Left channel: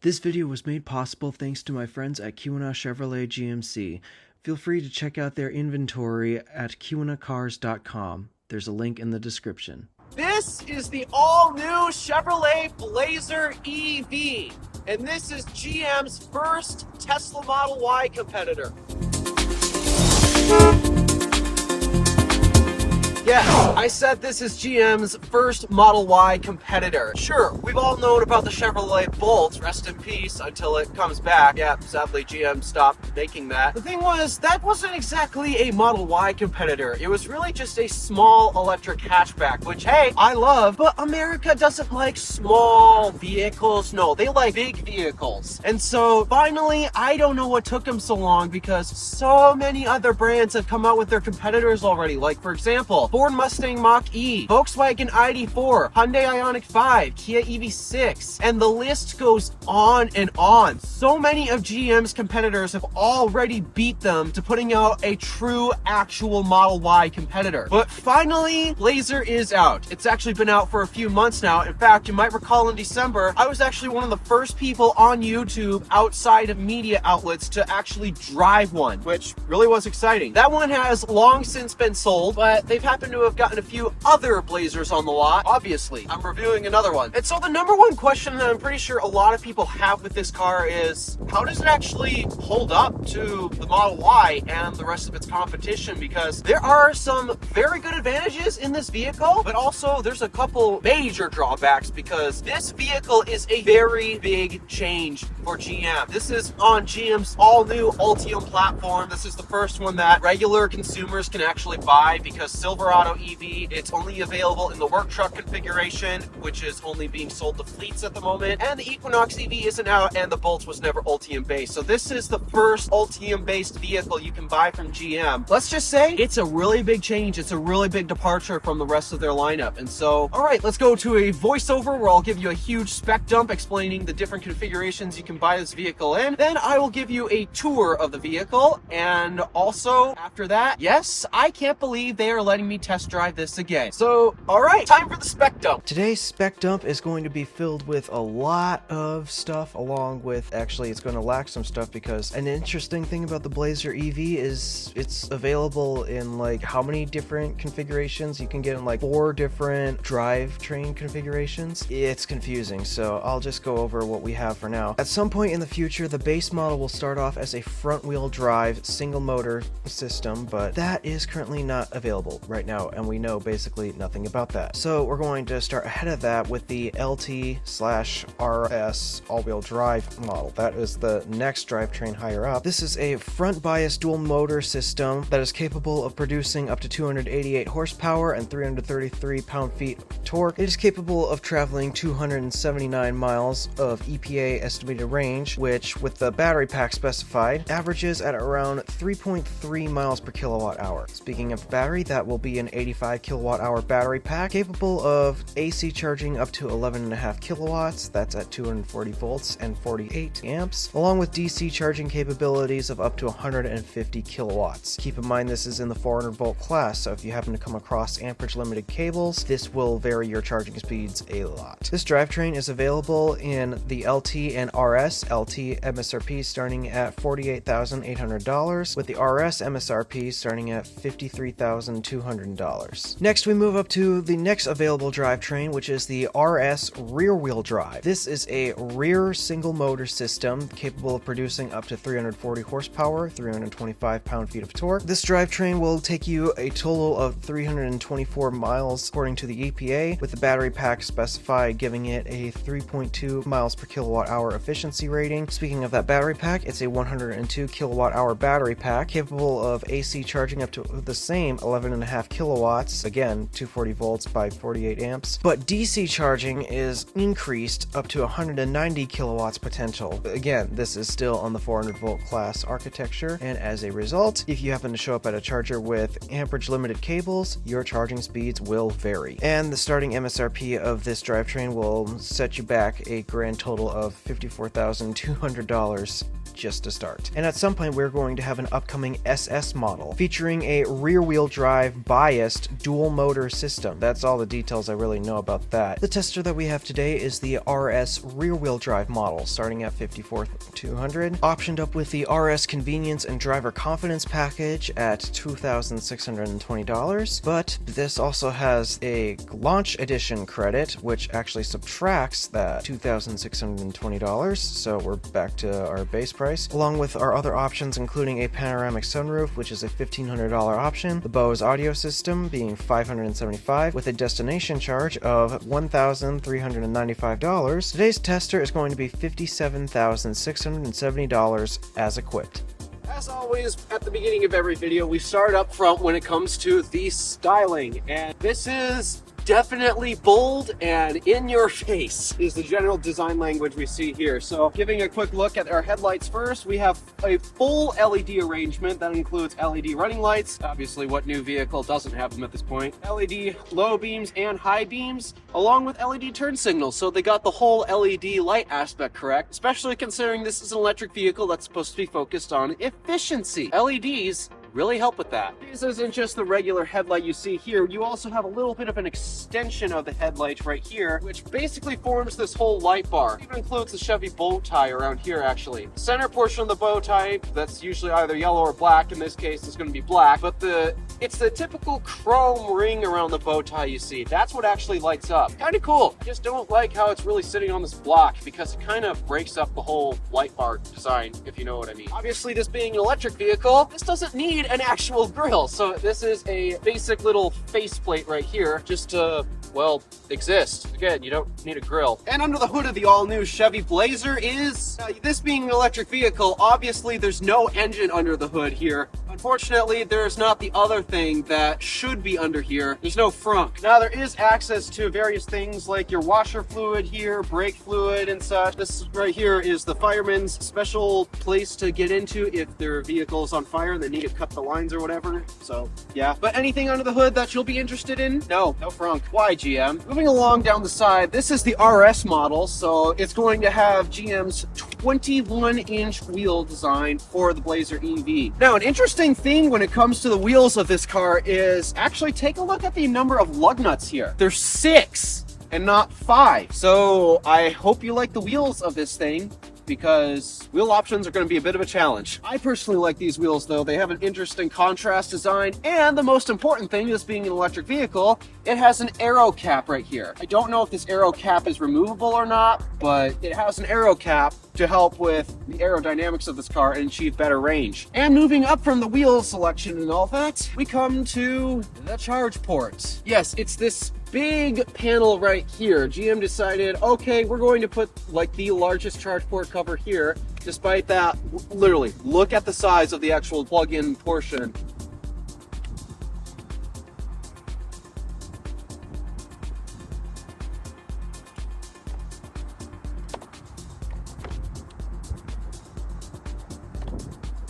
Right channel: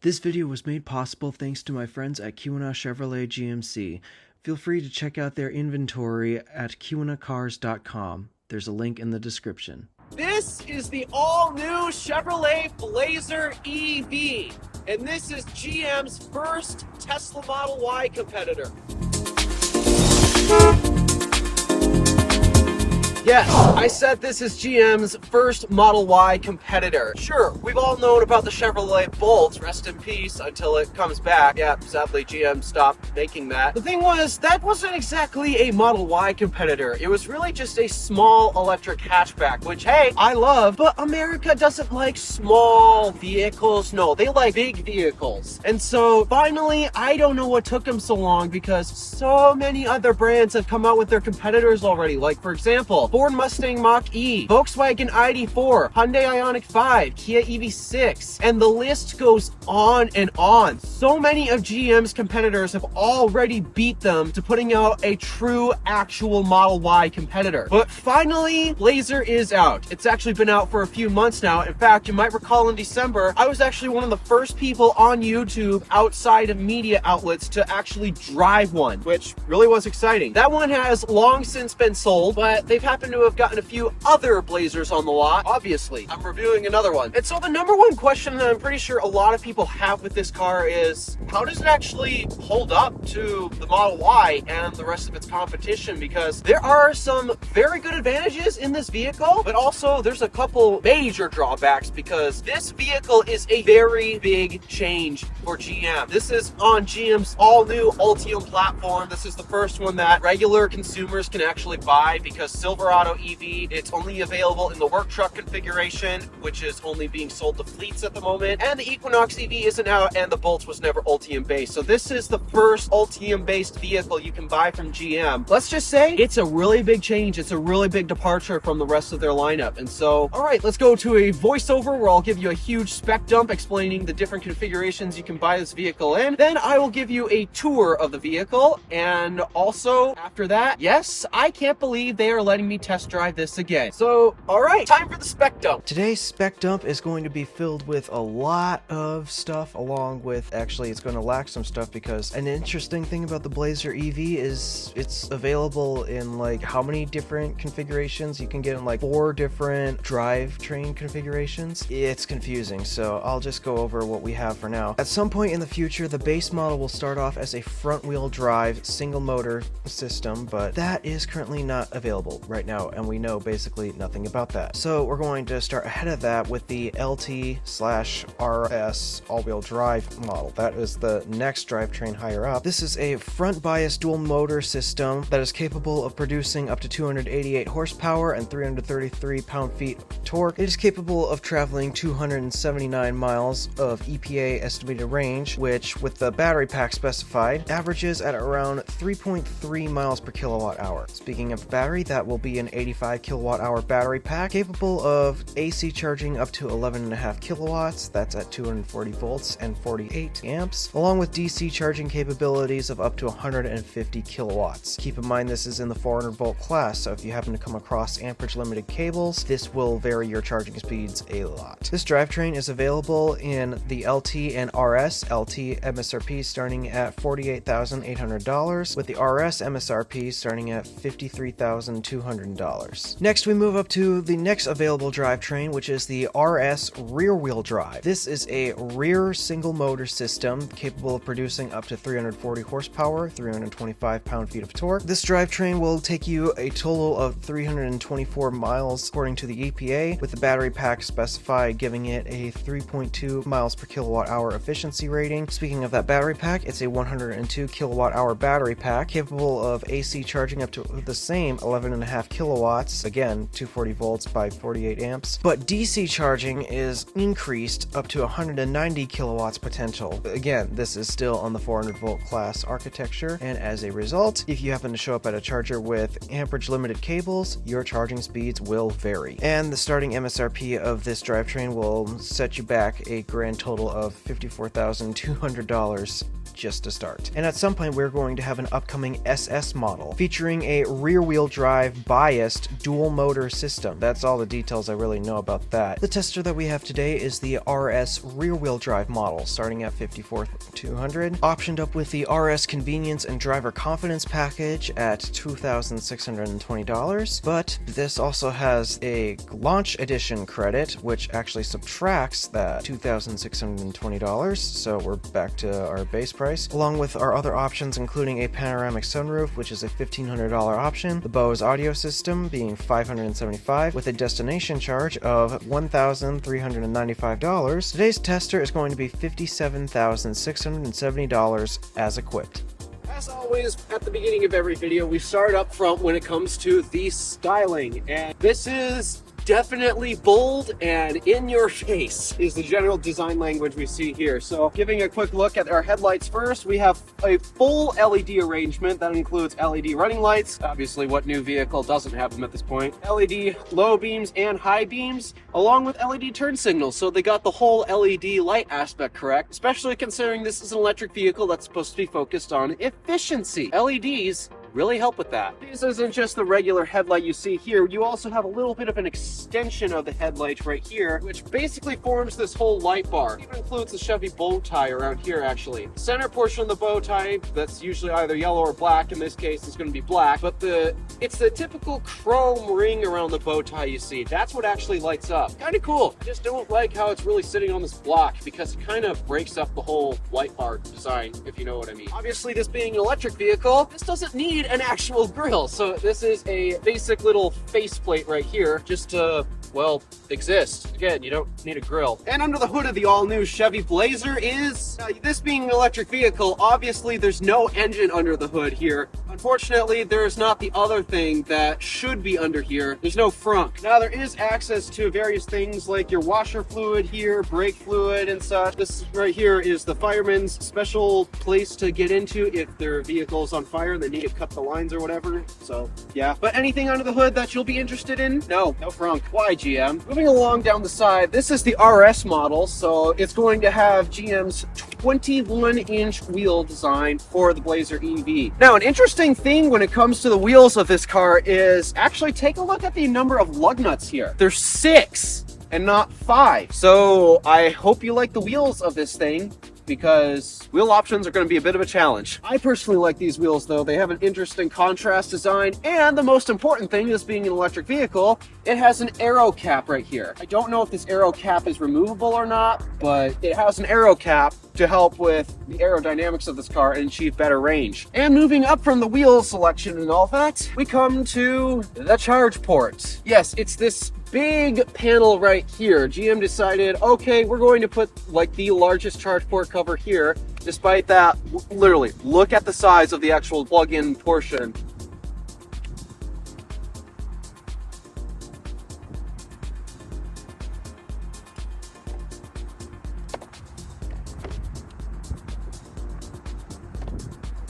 This video was made possible thanks to my friends at Kiwana Chevrolet GMC. Feel free to check out their inventory at kiwanacars.com. There's a link in the description. This is the all-new Chevrolet Blazer EV, and this is GM's first Tesla Model Y competitor. Yeah, I said this is GM's first Model Y competitor. Sure, we've all known about the Chevrolet Bolt, rest in peace until it comes back. Yeah, sadly GM stopped making that. The thing was, that wasn't exactly a Model Y competitor. It was really just a small electric hatchback, which, hey, I love, but America doesn't like small vehicles. No, they like big vehicles. And so finally, I don't know what took them so long because so many other brands have come out with their competitors already. Like, for example, Ford Mustang Mach-E, Volkswagen ID4, Hyundai Ioniq 5, Kia EV6, and the list goes on and on. So many of GM's competitors have already beat them to putting out a true, actual Model Y competitor. But finally, Blazer is out. It's actually been out for a few months now. In fact, you might recall in December, I was actually one of the first people on YouTube outside of media outlets to actually drive one, which really was exciting. That one has long since been sold, but they've happened to have gotten a few other Blazers on the lot. Obviously, I'm reviewing another one. And so the number one question that I'm pretty sure a lot of people have with this car is, how does it actually hold up to the Model Y and the rest of its competition? Because there are some very good advantages in this vehicle, but also there's a couple major drawbacks because this vehicle is a very big change for GM. This is on GM's all-new Ultium platform. This is the first one that regular consumers can actually buy because Silverado EV, it's only available in the work truck configuration, which is only being sold to fleets at the moment, and the Equinox EV isn't out, and the Bolt was never Ultium based. So this is the first Ultium based vehicle you can buy from GM. Let's just say it's a really big change. It's a really big departure from the rest of their lineup. And so, all right, let's go to a voiceover where I'll give you a huge spec dump explaining the different configurations you can buy this vehicle in. Then I will give you a tour of the vehicle, and also after that, yes, I can't believe they are letting me test drive this again. So, all right, time for the spec dump. Today's spec dump is going to be filled with a lot of stuff, along with, actually, it's going to lack some stuff because an interesting thing about the Blazer EV is it's available in like how many different configurations? You can get in like 4 different drivetrain configurations. It's confusing, so I'll just go over what we have for now. At some point in the future, the base model will start off as a front-wheel drive single motor system, but that is currently not available right now, and we know basically nothing about that. So we're going to start ahead of that with the LT/RS all-wheel drive model. That is the next drivetrain higher up. This is a front bias dual motor system that is capable of producing up to 288 horsepower and 333 pound-feet of torque. It is capable of traveling 279 miles of EPA estimated range, which with the battery pack specified averages at around 3.3 miles per kilowatt hour. Speaking of battery, that will be an 85 kilowatt hour battery pack capable of AC charging up to 11.5 kilowatts. That's at 240 volts and 48 amps, along with DC charging capabilities of up to 150 kilowatts. Keep in mind this is in the 400 volt class, so if you happen to come across amperage limited cables, this will vary your charging speeds a lot. This drivetrain is available in the LT and RS. LT MSRP starting at $48,800, with the RS MSRP starting at $53,200. Next, we move up to the next available drivetrain, which is the RS rear-wheel drive. This is a rear single motor system capable of producing up to 340 horsepower, 325 pound-feet of torque. This drivetrain will take you a total of 324 miles according to the EPA, with the battery pack specified giving it a 3.2 miles per kilowatt hour efficiency rating. Speaking of that battery pack, it's a 102 kilowatt hour battery pack capable of AC charging up to the same 11.5 kilowatts, again 240 volts by 48 amps, but DC charging is increased up to 190 kilowatts potential. Again, this is still on the 400 volt class architecture, and as a result, if you happen to show up at a charger with amperage limited cables, your charging speeds will vary. And the starting MSRP of this drivetrain will set you back a grand total of $54,200 just to start. And at some point we're going to have an upcoming SS model featuring a rear-wheel drive biased dual motor system. That's all the details I really know about that. The tester that we have today is the RS rear-wheel drive model, starting at $54,200, optioned up with the RS convenience and driver confidence package at $2,620, but this also has a launch edition credit, which actually subtracts that $2,620, so we're back to our base price, along with our other options including a panoramic sunroof, which is a $1,500 option, the Bose audio system being $575 with a destination charge of $1,395. Today's tester is going to be $57,670 as equipped. As always, at the beginning of every video, we start up front when it comes to the styling, and this is definitely bold and in your face is the general design language we see here. So giving a quick look at our headlights first, we have a full LED arrangement that includes LED running lights. Obviously, what new vehicle doesn't have them at this point? LED low beams and high beams, along with LED turn signals. So they got the whole LED light aspect correct, especially considering this is an electric vehicle that's supposed to be focused on efficiency. LEDs really help with that. This isn't just the regular headlight you see here. You also have a little bit of an extension of the headlight right here, which basically forms this whole light bar. It even includes a Chevy bow tie around here, actually. The center portion of the bow tie, that's usually either yellow or black. In this case, it's going to be black, but it's the typical chrome ring around the bow tie you see. That's what actually lights up. Kind of cool. I just don't like how it's really sitting on this block because it kind of breaks up the whole light bar design, if you know what I mean. Obviously, this being an electric vehicle, this doesn't need an actual grill. So this is a basic little faceplate right here just to, well, exist. Again, you don't need a grill. And under the hood of the all-new Chevy Blazer is, this being an electric vehicle, obviously there's no engine under the hood here. Unfortunately, there's not the other thing that should be under here. There's no frunk. Now, there is access to various things like your washer fluid here, brake fluid and such. This right here is the fireman's special place to get into if their vehicle is on fire and they need to cut the lines or whatever. So, yeah. But anything under the hood that you'll be interested in? No frunk. Why, GM? Moving along down the side, this is the RS model, so it's going to have GM's 21-inch wheel design for the Blazer EV. Now, an interesting thing when it comes to the wheels of this car is actually take a look at the number of lug nuts here. There's 6 and not 5. So I hope you like the wheels of this thing, because wheel options are going to be a bit of a challenge. I personally like these wheels though. They have an interesting contrast design, and the most important thing is being an electric vehicle, it has an aero cap right here. I don't know if this aero cap is removable or not, but it has an aero cap to help with the aerodynamics of this car and achieve better range. And moving up from the wheel selection and all that, we come to the charge port. Yes, it's this big panel right here. GM decided, okay, we're going to put like the largest charge port cover here. Despite that, literally, look at the size of the actual plug-in portion.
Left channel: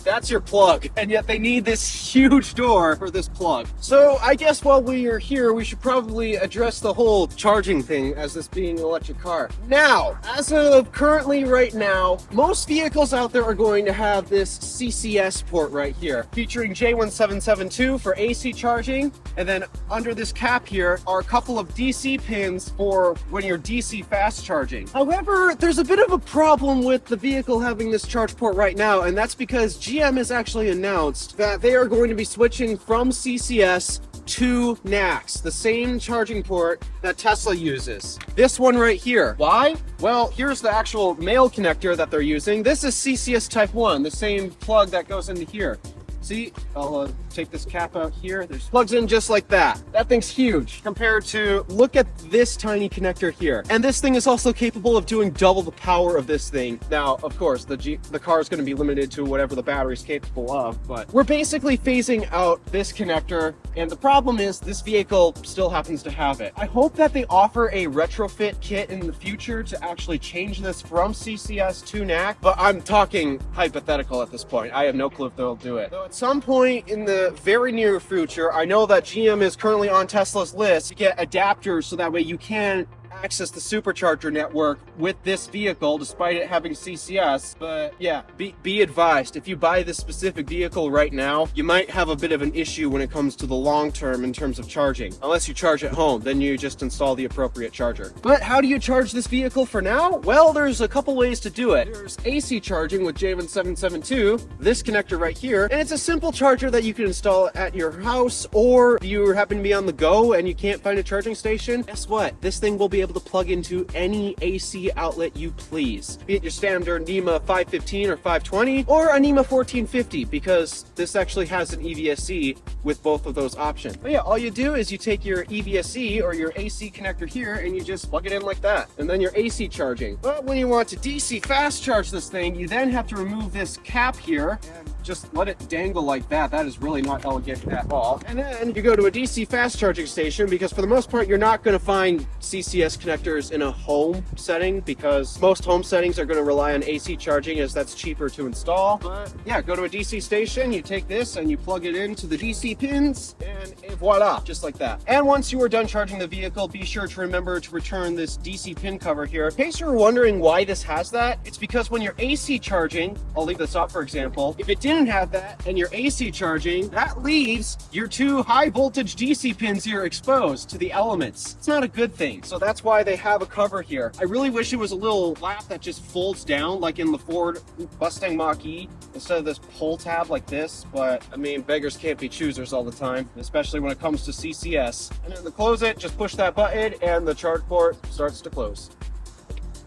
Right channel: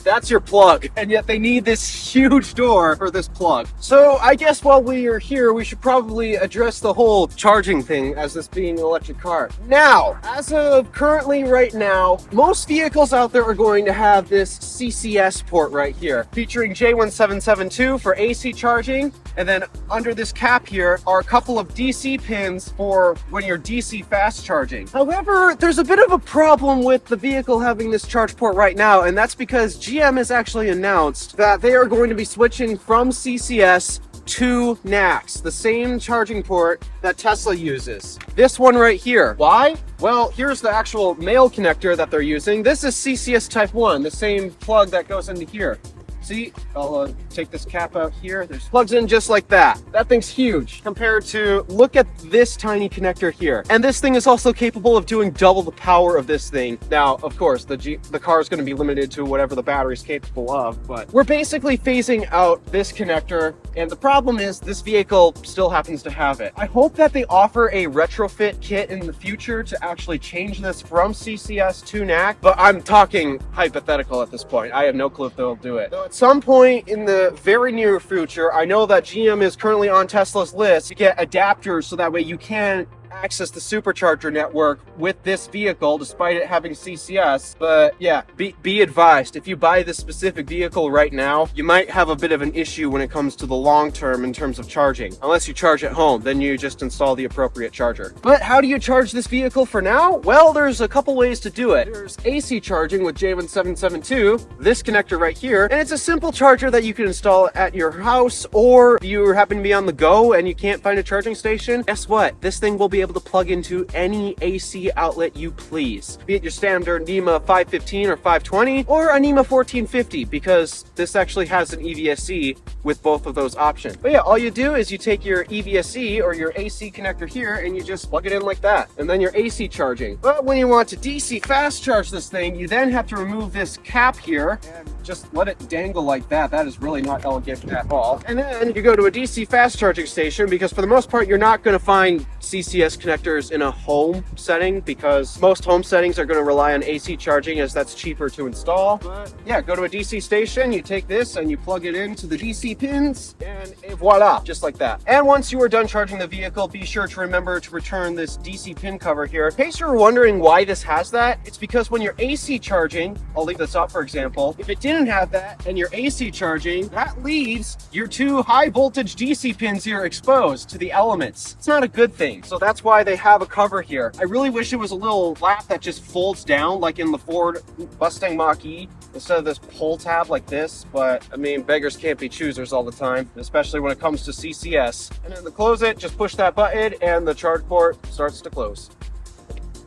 That's your plug, and yet they need this huge door for this plug. So I guess while we are here, we should probably address the whole charging thing as this being an electric car. Now, as of currently right now, most vehicles out there are going to have this CCS port right here, featuring J1772 for AC charging, and then under this cap here are a couple of DC pins for when you're DC fast charging. However, there's a bit of a problem with the vehicle having this charge port right now, and that's because GM has actually announced that they are going to be switching from CCS to NACS, the same charging port that Tesla uses. This one right here. Why? Well, here's the actual male connector that they're using. This is CCS Type 1, the same plug that goes into here. See, I'll take this cap out here. There's plugs in just like that. That thing's huge compared to, look at this tiny connector here. And this thing is also capable of doing double the power of this thing. Now, of course, the car is going to be limited to whatever the battery is capable of, but we're basically phasing out this connector. And the problem is this vehicle still happens to have it. I hope that they offer a retrofit kit in the future to actually change this from CCS to NAC, but I'm talking hypothetical at this point. I have no clue if they'll do it. Though at some point in the very near future, I know that GM is currently on Tesla's list to get adapters so that way you can access the supercharger network with this vehicle despite it having CCS. But yeah, be advised, if you buy this specific vehicle right now, you might have a bit of an issue when it comes to the long term in terms of charging. Unless you charge at home, then you just install the appropriate charger. But how do you charge this vehicle for now? Well, there's a couple ways to do it. There's AC charging with J1772, this connector right here, and it's a simple charger that you can install at your house, or if you happen to be on the go and you can't find a charging station, guess what? This thing will be able to plug into any AC outlet you please. Be it your standard NEMA 515 or 520, or a NEMA 1450, because this actually has an EVSE with both of those options. But yeah, all you do is you take your EVSE or your AC connector here and you just plug it in like that, and then your AC charging. But when you want to DC fast charge this thing, you then have to remove this cap here and just let it dangle like that. That is really not elegant at all. And then you go to a DC fast charging station, because for the most part, you're not going to find CCS connectors in a home setting, because most home settings are going to rely on AC charging, as that's cheaper to install. But yeah, go to a DC station, you take this and you plug it into the DC pins, and voila, just like that. And once you are done charging the vehicle, be sure to remember to return this DC pin cover here. In case you're wondering why this has that, it's because when you're AC charging, I'll leave this up for example, if it didn't have that and you're AC charging, that leaves your two high voltage DC pins here exposed to the elements. It's not a good thing. So that's why they have a cover here. I really wish it was a little flap that just folds down like in the Ford Mustang Mach-E instead of this pull tab like this, but I mean, beggars can't be choosers all the time, especially when it comes to CCS. And then to close it, just push that button and the charge port starts to close.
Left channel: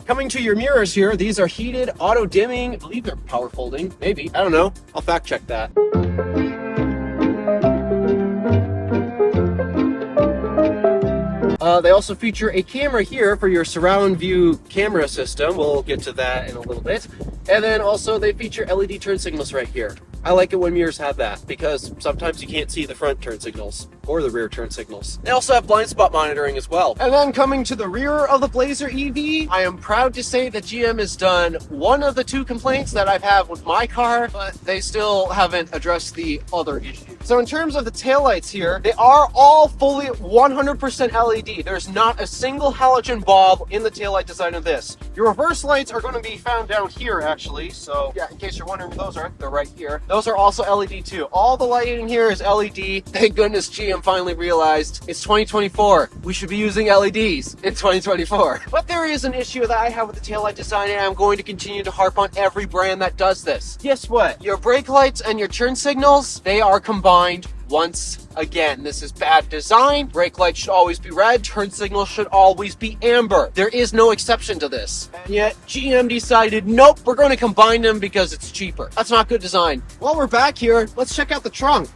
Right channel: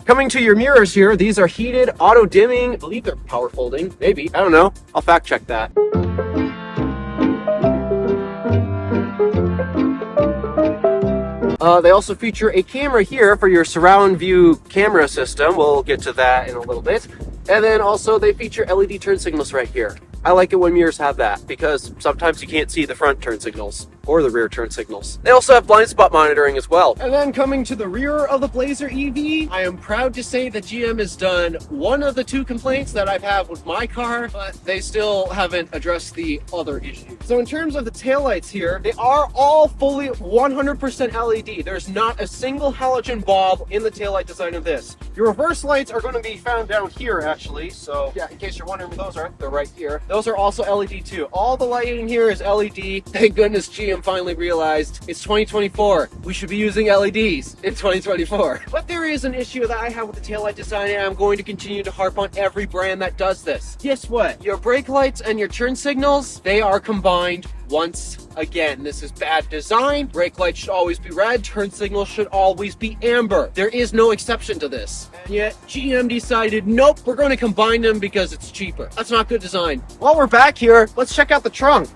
Coming to your mirrors here, these are heated, auto dimming. I believe they're power folding, maybe, I don't know. I'll fact check that. They also feature a camera here for your surround view camera system. We'll get to that in a little bit. And then also they feature LED turn signals right here. I like it when mirrors have that, because sometimes you can't see the front turn signals or the rear turn signals. They also have blind spot monitoring as well. And then coming to the rear of the Blazer EV, I am proud to say that GM has done one of the two complaints that I've had with my car, but they still haven't addressed the other issue. So in terms of the taillights here, they are all fully 100% LED. There's not a single halogen bulb in the taillight design of this. Your reverse lights are going to be found down here actually, so yeah, in case you're wondering where those are, they're right here. Those are also LED too. All the lighting here is LED. Thank goodness GM finally realized it's 2024. We should be using LEDs in 2024. But there is an issue that I have with the taillight design, and I'm going to continue to harp on every brand that does this. Guess what? Your brake lights and your turn signals, they are combined once again. This is bad design. Brake lights should always be red. Turn signals should always be amber. There is no exception to this. And yet GM decided, nope, we're going to combine them because it's cheaper. That's not good design. While we're back here, let's check out the trunk.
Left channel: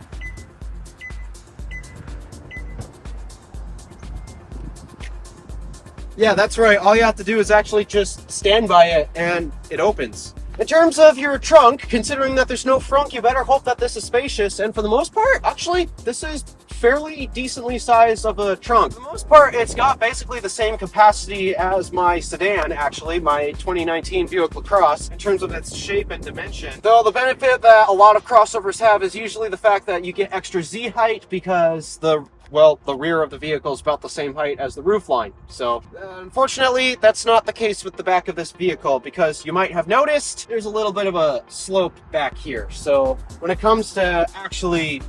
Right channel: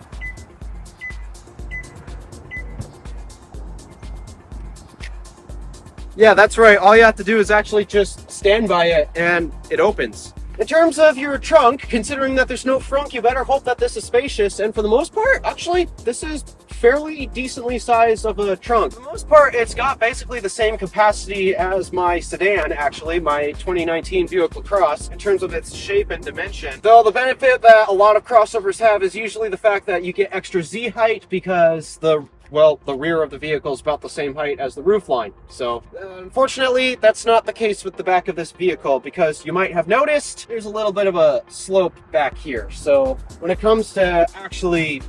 Yeah, that's right. All you have to do is actually just stand by it and it opens. In terms of your trunk, considering that there's no frunk, you better hope that this is spacious. And for the most part, actually, this is fairly decently sized of a trunk. For the most part, it's got basically the same capacity as my sedan, actually, my 2019 Buick LaCrosse, in terms of its shape and dimension. Though the benefit that a lot of crossovers have is usually the fact that you get extra Z height because the rear of the vehicle is about the same height as the roofline. So, unfortunately, that's not the case with the back of this vehicle, because you might have noticed there's a little bit of a slope back here. So, when it comes to actually,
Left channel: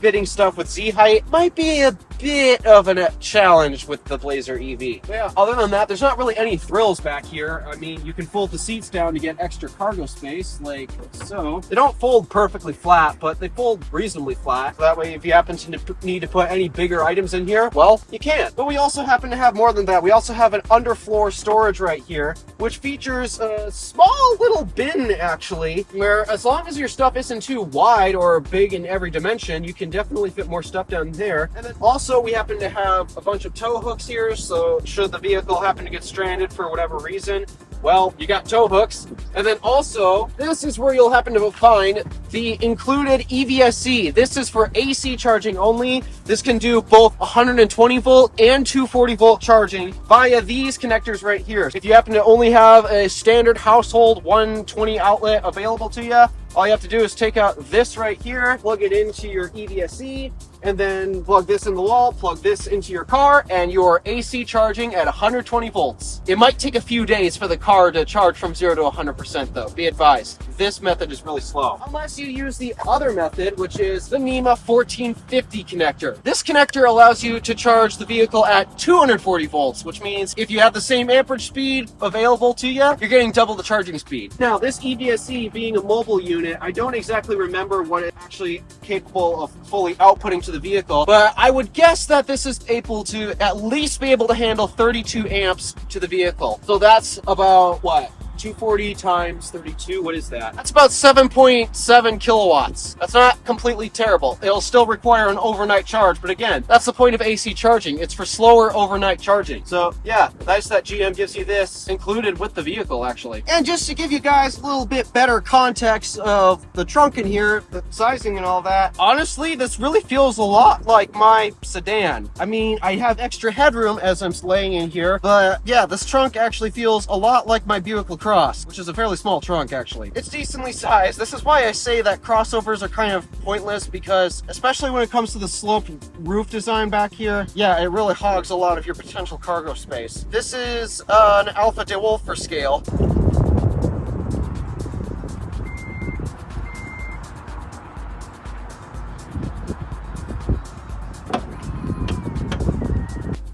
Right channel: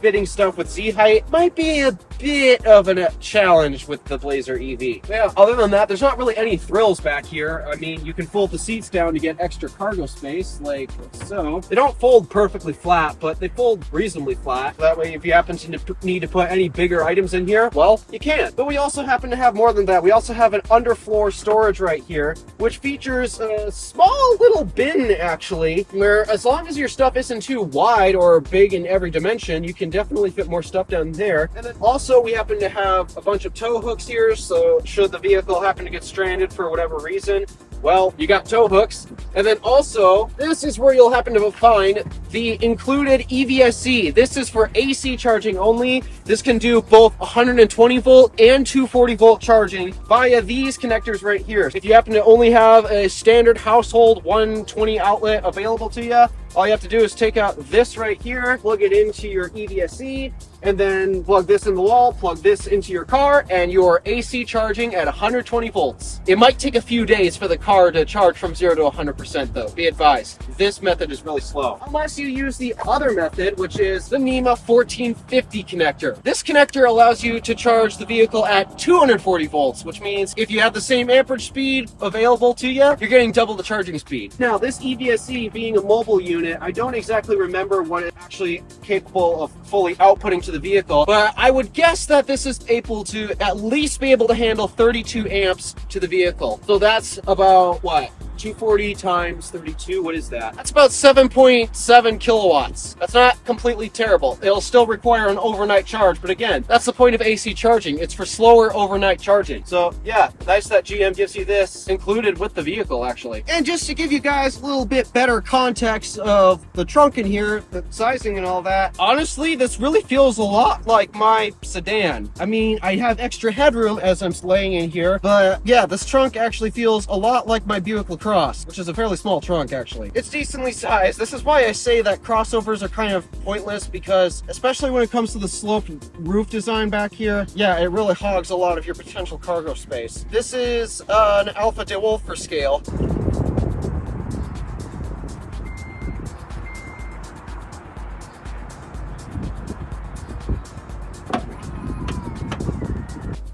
fitting stuff with Z height, might be a bit of a challenge with the Blazer EV. Yeah, other than that, there's not really any thrills back here. I mean, you can fold the seats down to get extra cargo space, like so. They don't fold perfectly flat, but they fold reasonably flat. So that way, if you happen to need to put any bigger items in here, well, you can. But we also happen to have more than that. We also have an underfloor storage right here, which features a small little bin, actually, where as long as your stuff isn't too wide or big in every dimension, you can definitely fit more stuff down there. And then also we happen to have a bunch of tow hooks here, so should the vehicle happen to get stranded for whatever reason, well, you got tow hooks. And then also, this is where you'll happen to find the included EVSC. This is for AC charging only. This can do both 120 volt and 240 volt charging via these connectors right here. If you happen to only have a standard household 120 outlet available to you, all you have to do is take out this right here, plug it into your EVSC, and then plug this in the wall, plug this into your car, and your AC charging at 120 volts. It might take a few days for the car to charge from 0 to 100% though. Be advised, this method is really slow. Unless you use the other method, which is the NEMA 1450 connector. This connector allows you to charge the vehicle at 240 volts, which means if you have the same amperage speed available to you, you're getting double the charging speed. Now, this EVSC being a mobile unit, I don't exactly remember what it's actually capable of fully outputting to the vehicle, but I would guess that this is able to at least be able to handle 32 amps to the vehicle. So that's about what? 240 times 32, what is that? That's about 7.7 kilowatts. That's not completely terrible. It'll still require an overnight charge, but again, that's the point of AC charging. It's for slower overnight charging. So yeah, nice that GM gives you this included with the vehicle actually. And just to give you guys a little bit better context of the trunk in here, the sizing and all that, honestly, this really feels a lot like my sedan. I mean, I have extra headroom as I'm laying in here, but yeah, this trunk actually feels a lot like my Buick LaCrosse, which is a fairly small trunk actually. It's decently sized. This is why I say that crossovers are kind of pointless, because especially when it comes to the sloped roof design back here, yeah, it really hogs a lot of your potential cargo space. This is an Alpha DeWolf for scale.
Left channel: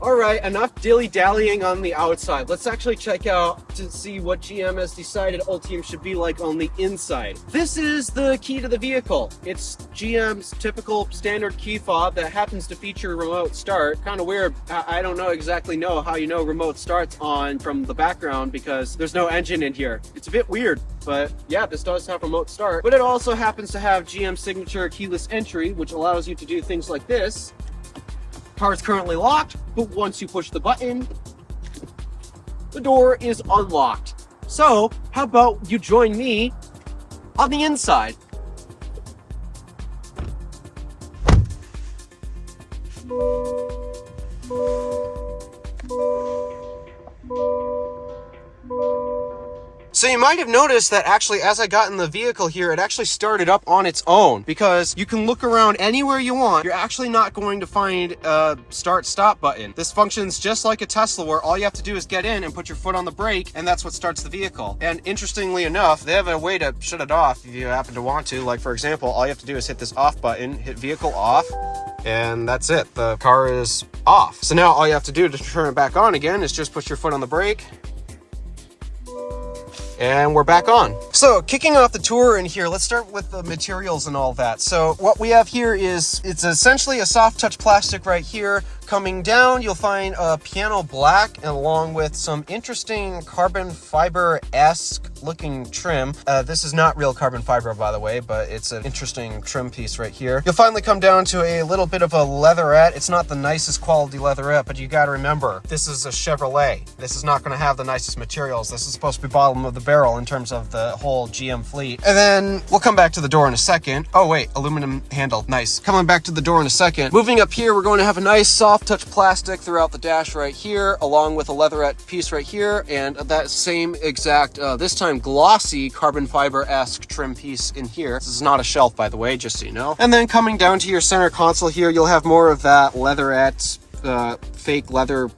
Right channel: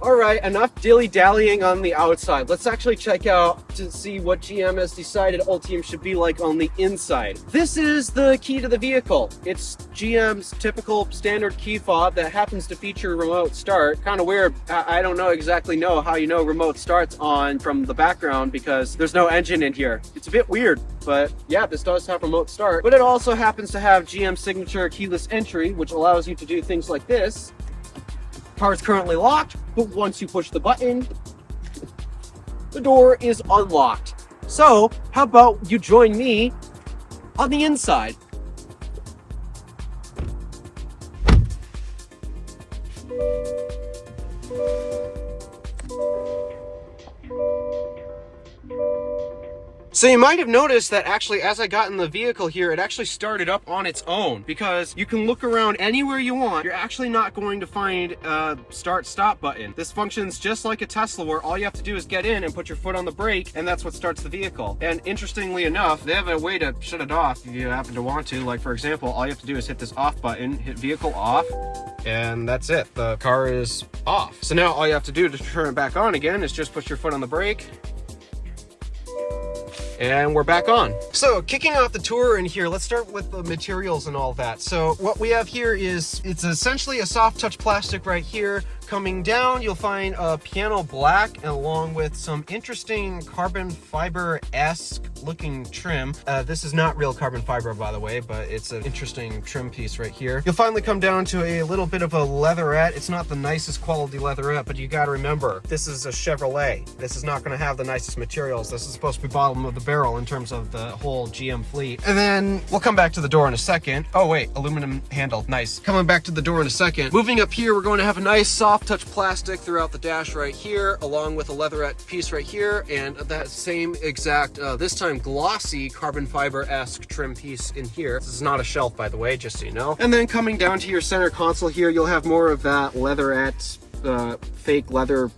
All right, enough dilly-dallying on the outside. Let's actually check out to see what GM has decided Ultium should be like on the inside. This is the key to the vehicle. It's GM's typical standard key fob that happens to feature remote start. Kind of weird. I don't exactly know how you know remote starts on from the background because there's no engine in here. It's a bit weird, but yeah, this does have remote start. But it also happens to have GM signature keyless entry, which allows you to do things like this. Car is currently locked, but once you push the button, the door is unlocked. So, how about you join me on the inside? So you might have noticed that actually as I got in the vehicle here, it actually started up on its own, because you can look around anywhere you want. You're actually not going to find a start-stop button. This functions just like a Tesla, where all you have to do is get in and put your foot on the brake, and that's what starts the vehicle. And interestingly enough, they have a way to shut it off if you happen to want to. Like for example, all you have to do is hit this off button, hit vehicle off, and that's it. The car is off. So now all you have to do to turn it back on again is just put your foot on the brake, and we're back on. So kicking off the tour in here, let's start with the materials and all that. So what we have here is, it's essentially a soft touch plastic right here. Coming down, you'll find a piano black along with some interesting carbon fiber-esque looking trim. This is not real carbon fiber, by the way, but it's an interesting trim piece right here. You'll finally come down to a little bit of a leatherette. It's not the nicest quality leatherette, but you gotta remember, this is a Chevrolet. This is not gonna have the nicest materials. This is supposed to be bottom of the barrel in terms of the whole GM fleet. And then we'll come back to the door in a second. Oh wait, aluminum handle, nice. Coming back to the door in a second. Moving up here, we're going to have a nice soft touch plastic throughout the dash right here, along with a leatherette piece right here, and that same exact, this time glossy carbon fiber-esque trim piece in here. This is not a shelf, by the way, just so you know. And then coming down to your center console here, you'll have more of that leatherette, fake leather,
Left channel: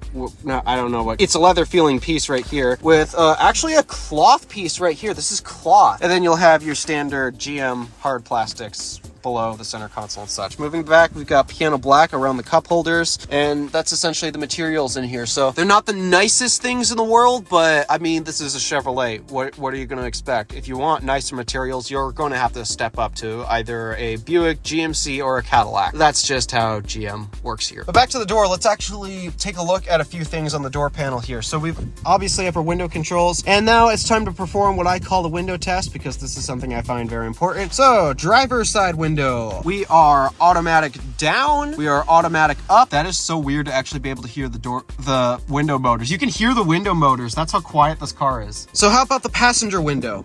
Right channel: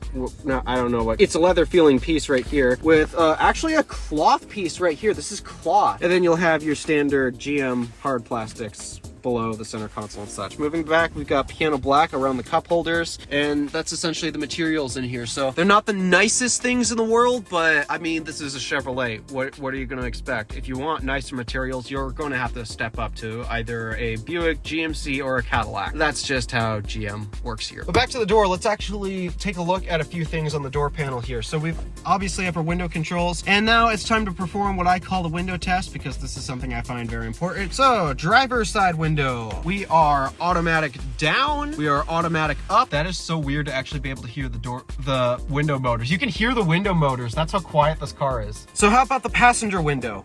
no, I don't know what, it's a leather feeling piece right here with actually a cloth piece right here. This is cloth. And then you'll have your standard GM hard plastics below the center console and such. Moving back, we've got piano black around the cup holders, and that's essentially the materials in here. So they're not the nicest things in the world, but I mean, this is a Chevrolet. What are you going to expect? If you want nicer materials, you're going to have to step up to either a Buick, GMC, or a Cadillac. That's just how GM works here. But back to the door, let's actually take a look at a few things on the door panel here. So we've obviously have our window controls, and now it's time to perform what I call the window test, because this is something I find very important. So driver's side window. We are automatic down. We are automatic up. That is so weird to actually be able to hear the window motors. You can hear the window motors. That's how quiet this car is. So how about the passenger window?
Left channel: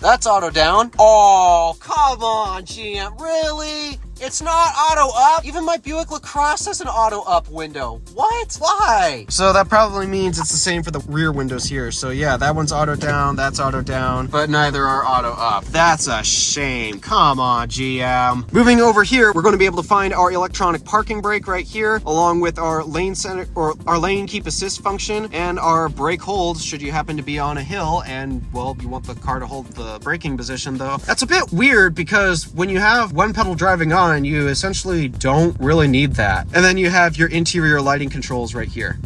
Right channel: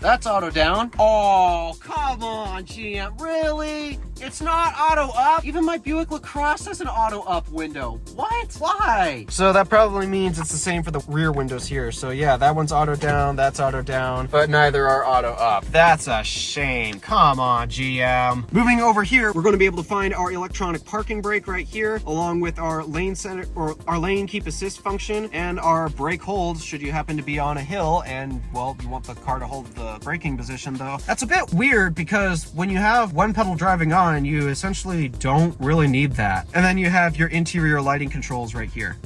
That's auto down. Oh, come on, GM, really? It's not auto up? Even my Buick LaCrosse has an auto up window. What? Why? So that probably means it's the same for the rear windows here. So yeah, that one's auto down, that's auto down, but neither are auto up. That's a shame. Come on, GM. Moving over here, we're going to be able to find our electronic parking brake right here, along with our lane center or our lane keep assist function and our brake hold should you happen to be on a hill and, well, you want the car to hold the braking position though. That's a bit weird because when you have one pedal driving on, you essentially don't really need that. And then you have your interior lighting controls right here.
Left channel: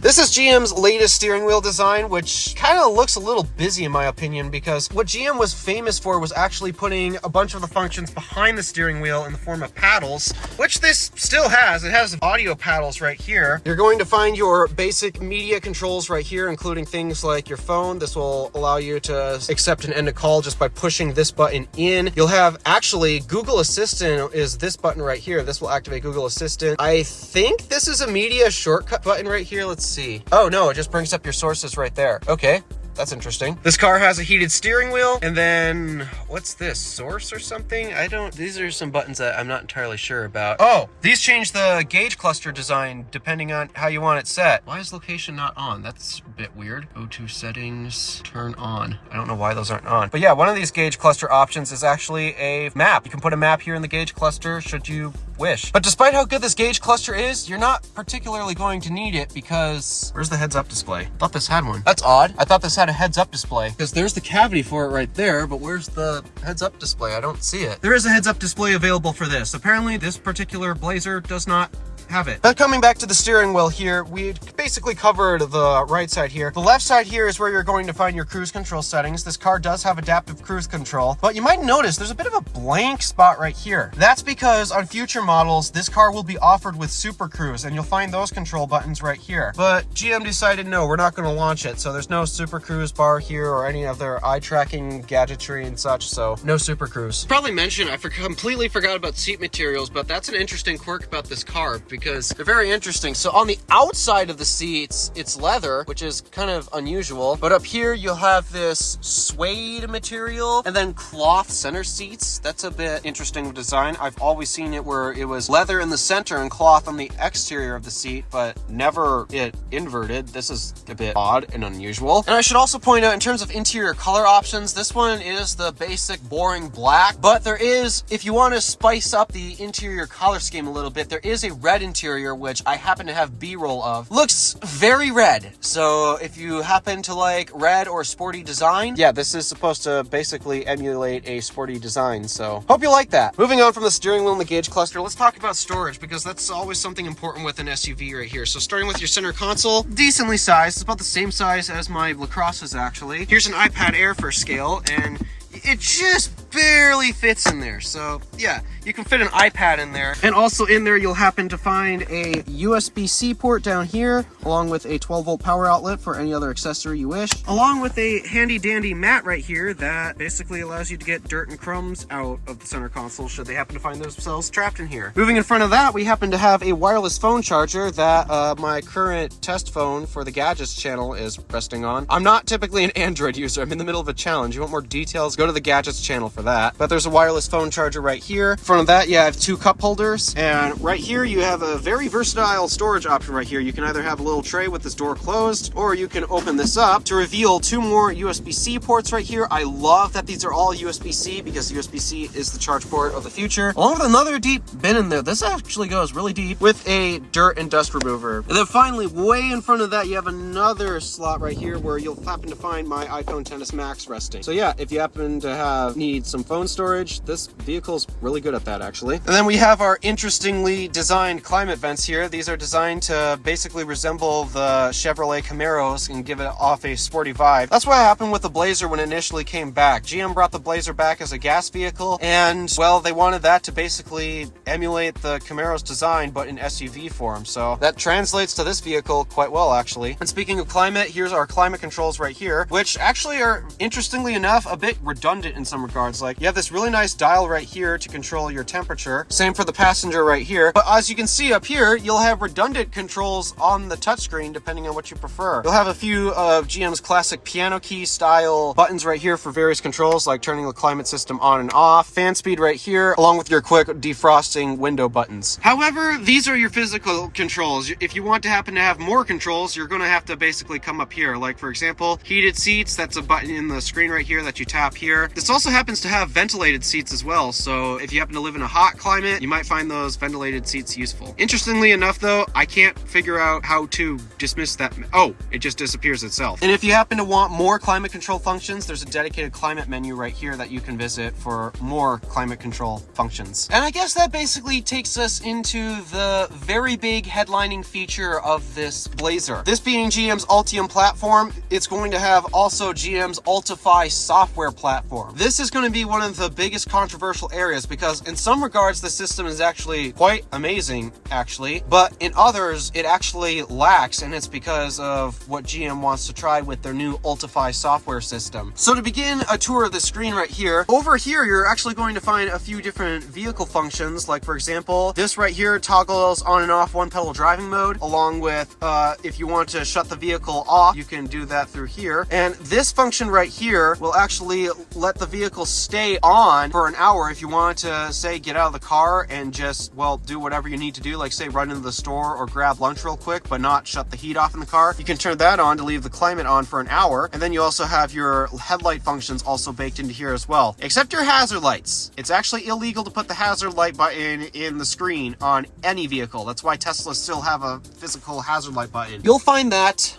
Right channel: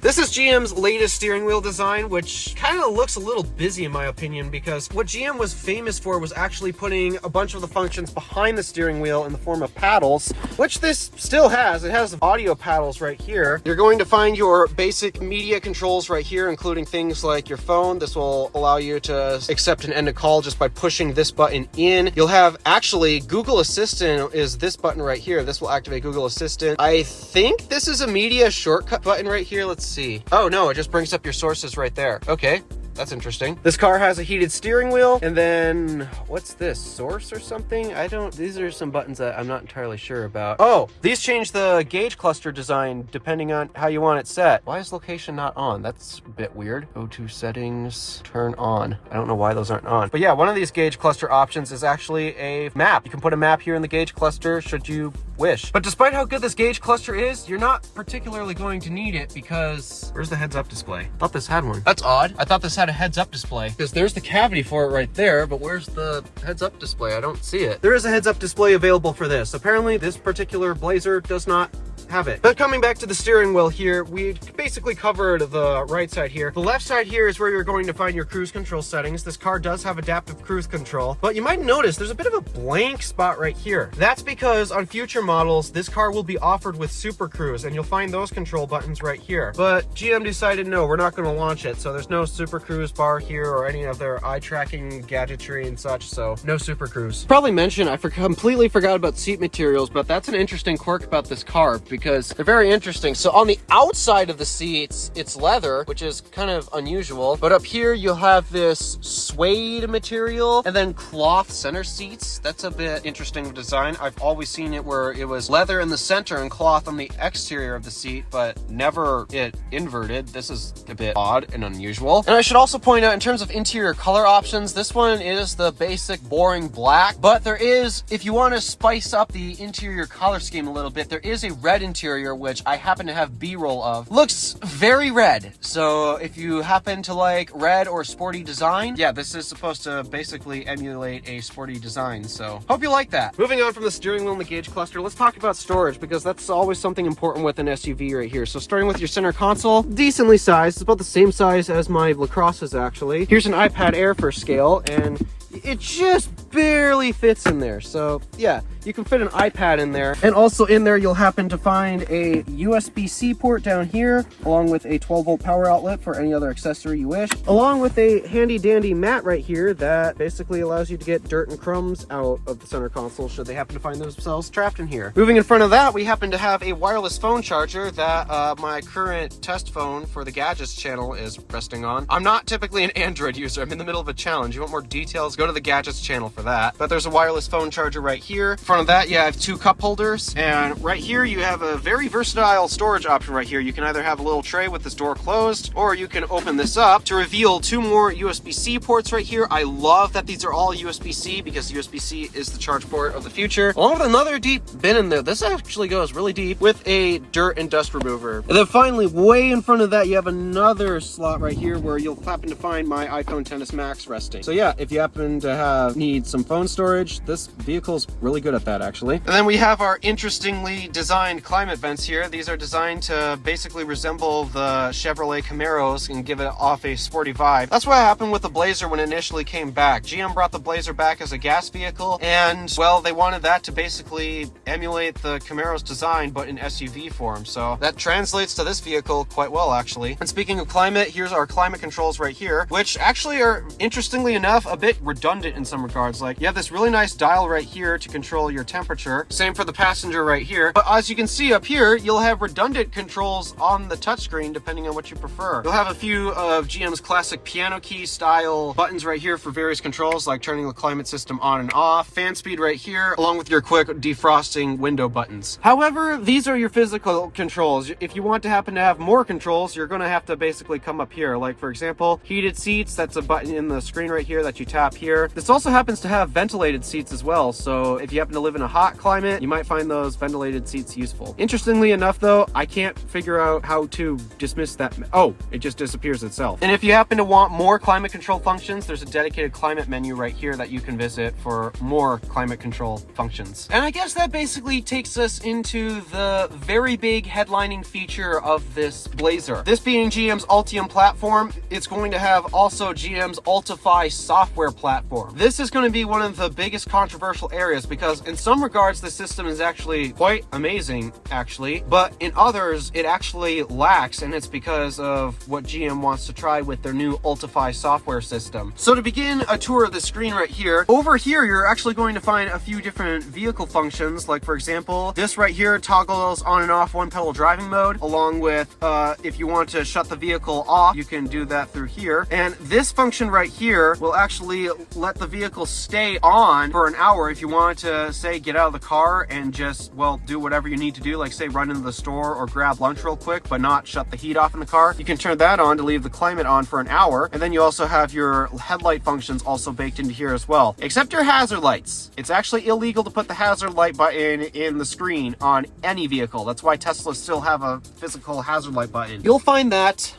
This is GM's latest steering wheel design, which kind of looks a little busy in my opinion, because what GM was famous for was actually putting a bunch of the functions behind the steering wheel in the form of paddles, which this still has. It has audio paddles right here. You're going to find your basic media controls right here, including things like your phone. This will allow you to accept and end a call just by pushing this button in. You'll have actually Google Assistant is this button right here. This will activate Google Assistant. I think this is a media shortcut button right here. Let's see. Oh no, it just brings up your sources right there. Okay. That's interesting. This car has a heated steering wheel, and then what's this, source or something? These are some buttons that I'm not entirely sure about. Oh, these change the gauge cluster design depending on how you want it set. Why is location not on? That's a bit weird. Go to settings, turn on. I don't know why those aren't on. But yeah, one of these gauge cluster options is actually a map. You can put a map here in the gauge cluster should you wish. But despite how good this gauge cluster is, you're not particularly going to need it because where's the heads up display? I thought this had one. That's odd. I thought this had a heads up display because there's the cavity for it right there, but where's the heads up display? I don't see it. There is a heads up display available for this. Apparently this particular Blazer does not have it. But coming back to the steering wheel here, we basically covered the right side here. The left side here is where you're going to find your cruise control settings. This car does have adaptive cruise control, but you might notice there's a bit of a blank spot right here. That's because on future models, this car will be offered with Super Cruise, and you'll find those control buttons right here. But GM decided, no, we're not going to launch it, so there's no Super Cruise bar here or any other eye tracking gadgetry and such, so no Super Cruise. Probably mentioned, I completely forgot about seat materials, but that's an interesting quirk about this car because they're very interesting. So on the outside of the seats, it's leather, which is kind of unusual, but up here you'll have this suede material and then cloth center seats. That's a bit interesting design. I've always seen it where it was leather in the center and cloth on the exterior of the seat, but never it inverted. This is a bit odd and unusual. And I should also point out, in terms of interior color options, this one is the basic boring black, but there is, if you want to spice up the interior color scheme a little bit, there is a red interior, which I happen to have B-roll of. Looks very red. So if you happen to like red or sporty design, yeah, this is supposed to basically emulate a sporty design. So hope you like that. Moving on from the steering wheel and the gauge cluster, let's talk about storage, because that's always something important with an SUV right here. So starting with your center console, decently sized. It's about the same size as my LaCrosse's actually. Here's an iPad Air for scale, and it just barely fits in there. So yeah, you can fit an iPad in there. And also in there, you'll happen to find a USB-C port down here, along with a 12-volt power outlet for any other accessory you wish, along with a handy-dandy mat right here that basically allows you to get dirt and crumbs out of the center console should they happen to find themselves trapped in here. Moving in front of that, we happen to have a wireless phone charger that my current test phone for the Gadgets channel is resting on. I'm not typically an Android user. I'm in the middle of a challenge. You want more details? Go to the Gadgets channel for that. But there's a wireless phone charger right here. In front of that, you have two cup holders, and right here you have a very versatile storage option right here. You can either have a little tray with this door closed, or you can open this up to reveal two more USB-C ports right here. I love that these are all USB-C because USB-C is the charge port of the future, along with another deep bin in there. This actually goes really deep with a dirt and dust remover. And then finally, way in front of that, you have another slot right here where you'll happen to find my iPhone XS Max resting. So yeah, if you happen to need some phone storage, this vehicle's really good at that actually. And then we have our interestingly designed climate vents here. These are designed to basically resemble the Chevrolet Camaros and give it off a sporty vibe. That's what happened with the Blazer when it initially came back. GM brought the Blazer back as a gas vehicle, and well, they wanted that to basically emulate the Camaro's design, but in SUV form. So that translates to this vehicle quite well, actually. And speaking of climate, here's our climate controls right here, which actually are, interestingly enough, a bit redundant in some regards. things. Like you have this really nice dial right here to control your temperature. Same for the passenger right here. But as you can see up here, you'll have redundant controls on the touchscreen depending on what you prefer. You'll have a few of GM's classic piano key style buttons right here for various controls, like turning the climate system on and off, fan speed right here, along with your quick defrosting window buttons. However, these are your physical controls. If you want to happen to have more controls, you're going to have to basically come up here. Like for example, heated seats, that's a button in the screen right here that you tap here. This also happens to have ventilated seats as well. So if you happen to live in a hot climate, you might find those ventilated seats useful. Interestingly enough though, I can't figure out how to dismiss that. Oh, it just disappears itself. And if you happen to want more climate control functions, there's a dedicated climate menu right here that you can visit for more climate control functions. And I guess that basically takes us into the very big headlining feature of this Blazer. This being GM's Ultium platform, it's going to have also GM's Ultify software platform. This is going to be one of the biggest controversial areas because in some regards the system is actually quite amazing actually, but in others it actually lacks, and it's because of what GM wants to try with their new Ultify software system. So to begin a tour of the screen right here, over here you're actually going to find a few different vehicle functions. Like for example, this right here toggles on and off one pedal driving mode, along with if you want to shut the vehicle off, you can do that through here. And this function right here will actually let the vehicle stay on for an hour if you want to, say, get out of the car and just, well, do whatever you need to do, like say run into the store or grab lunch real quick, but not shut the heat off in the car. You can turn that on to leave the climate on for an hour. And then you also have your headlight functions also baked into here as well, except your hazard lights. It's actually illegal to put the hazard light button in the screen on any vehicle. That's why Teslas still have a physical hazard light button. You'll find that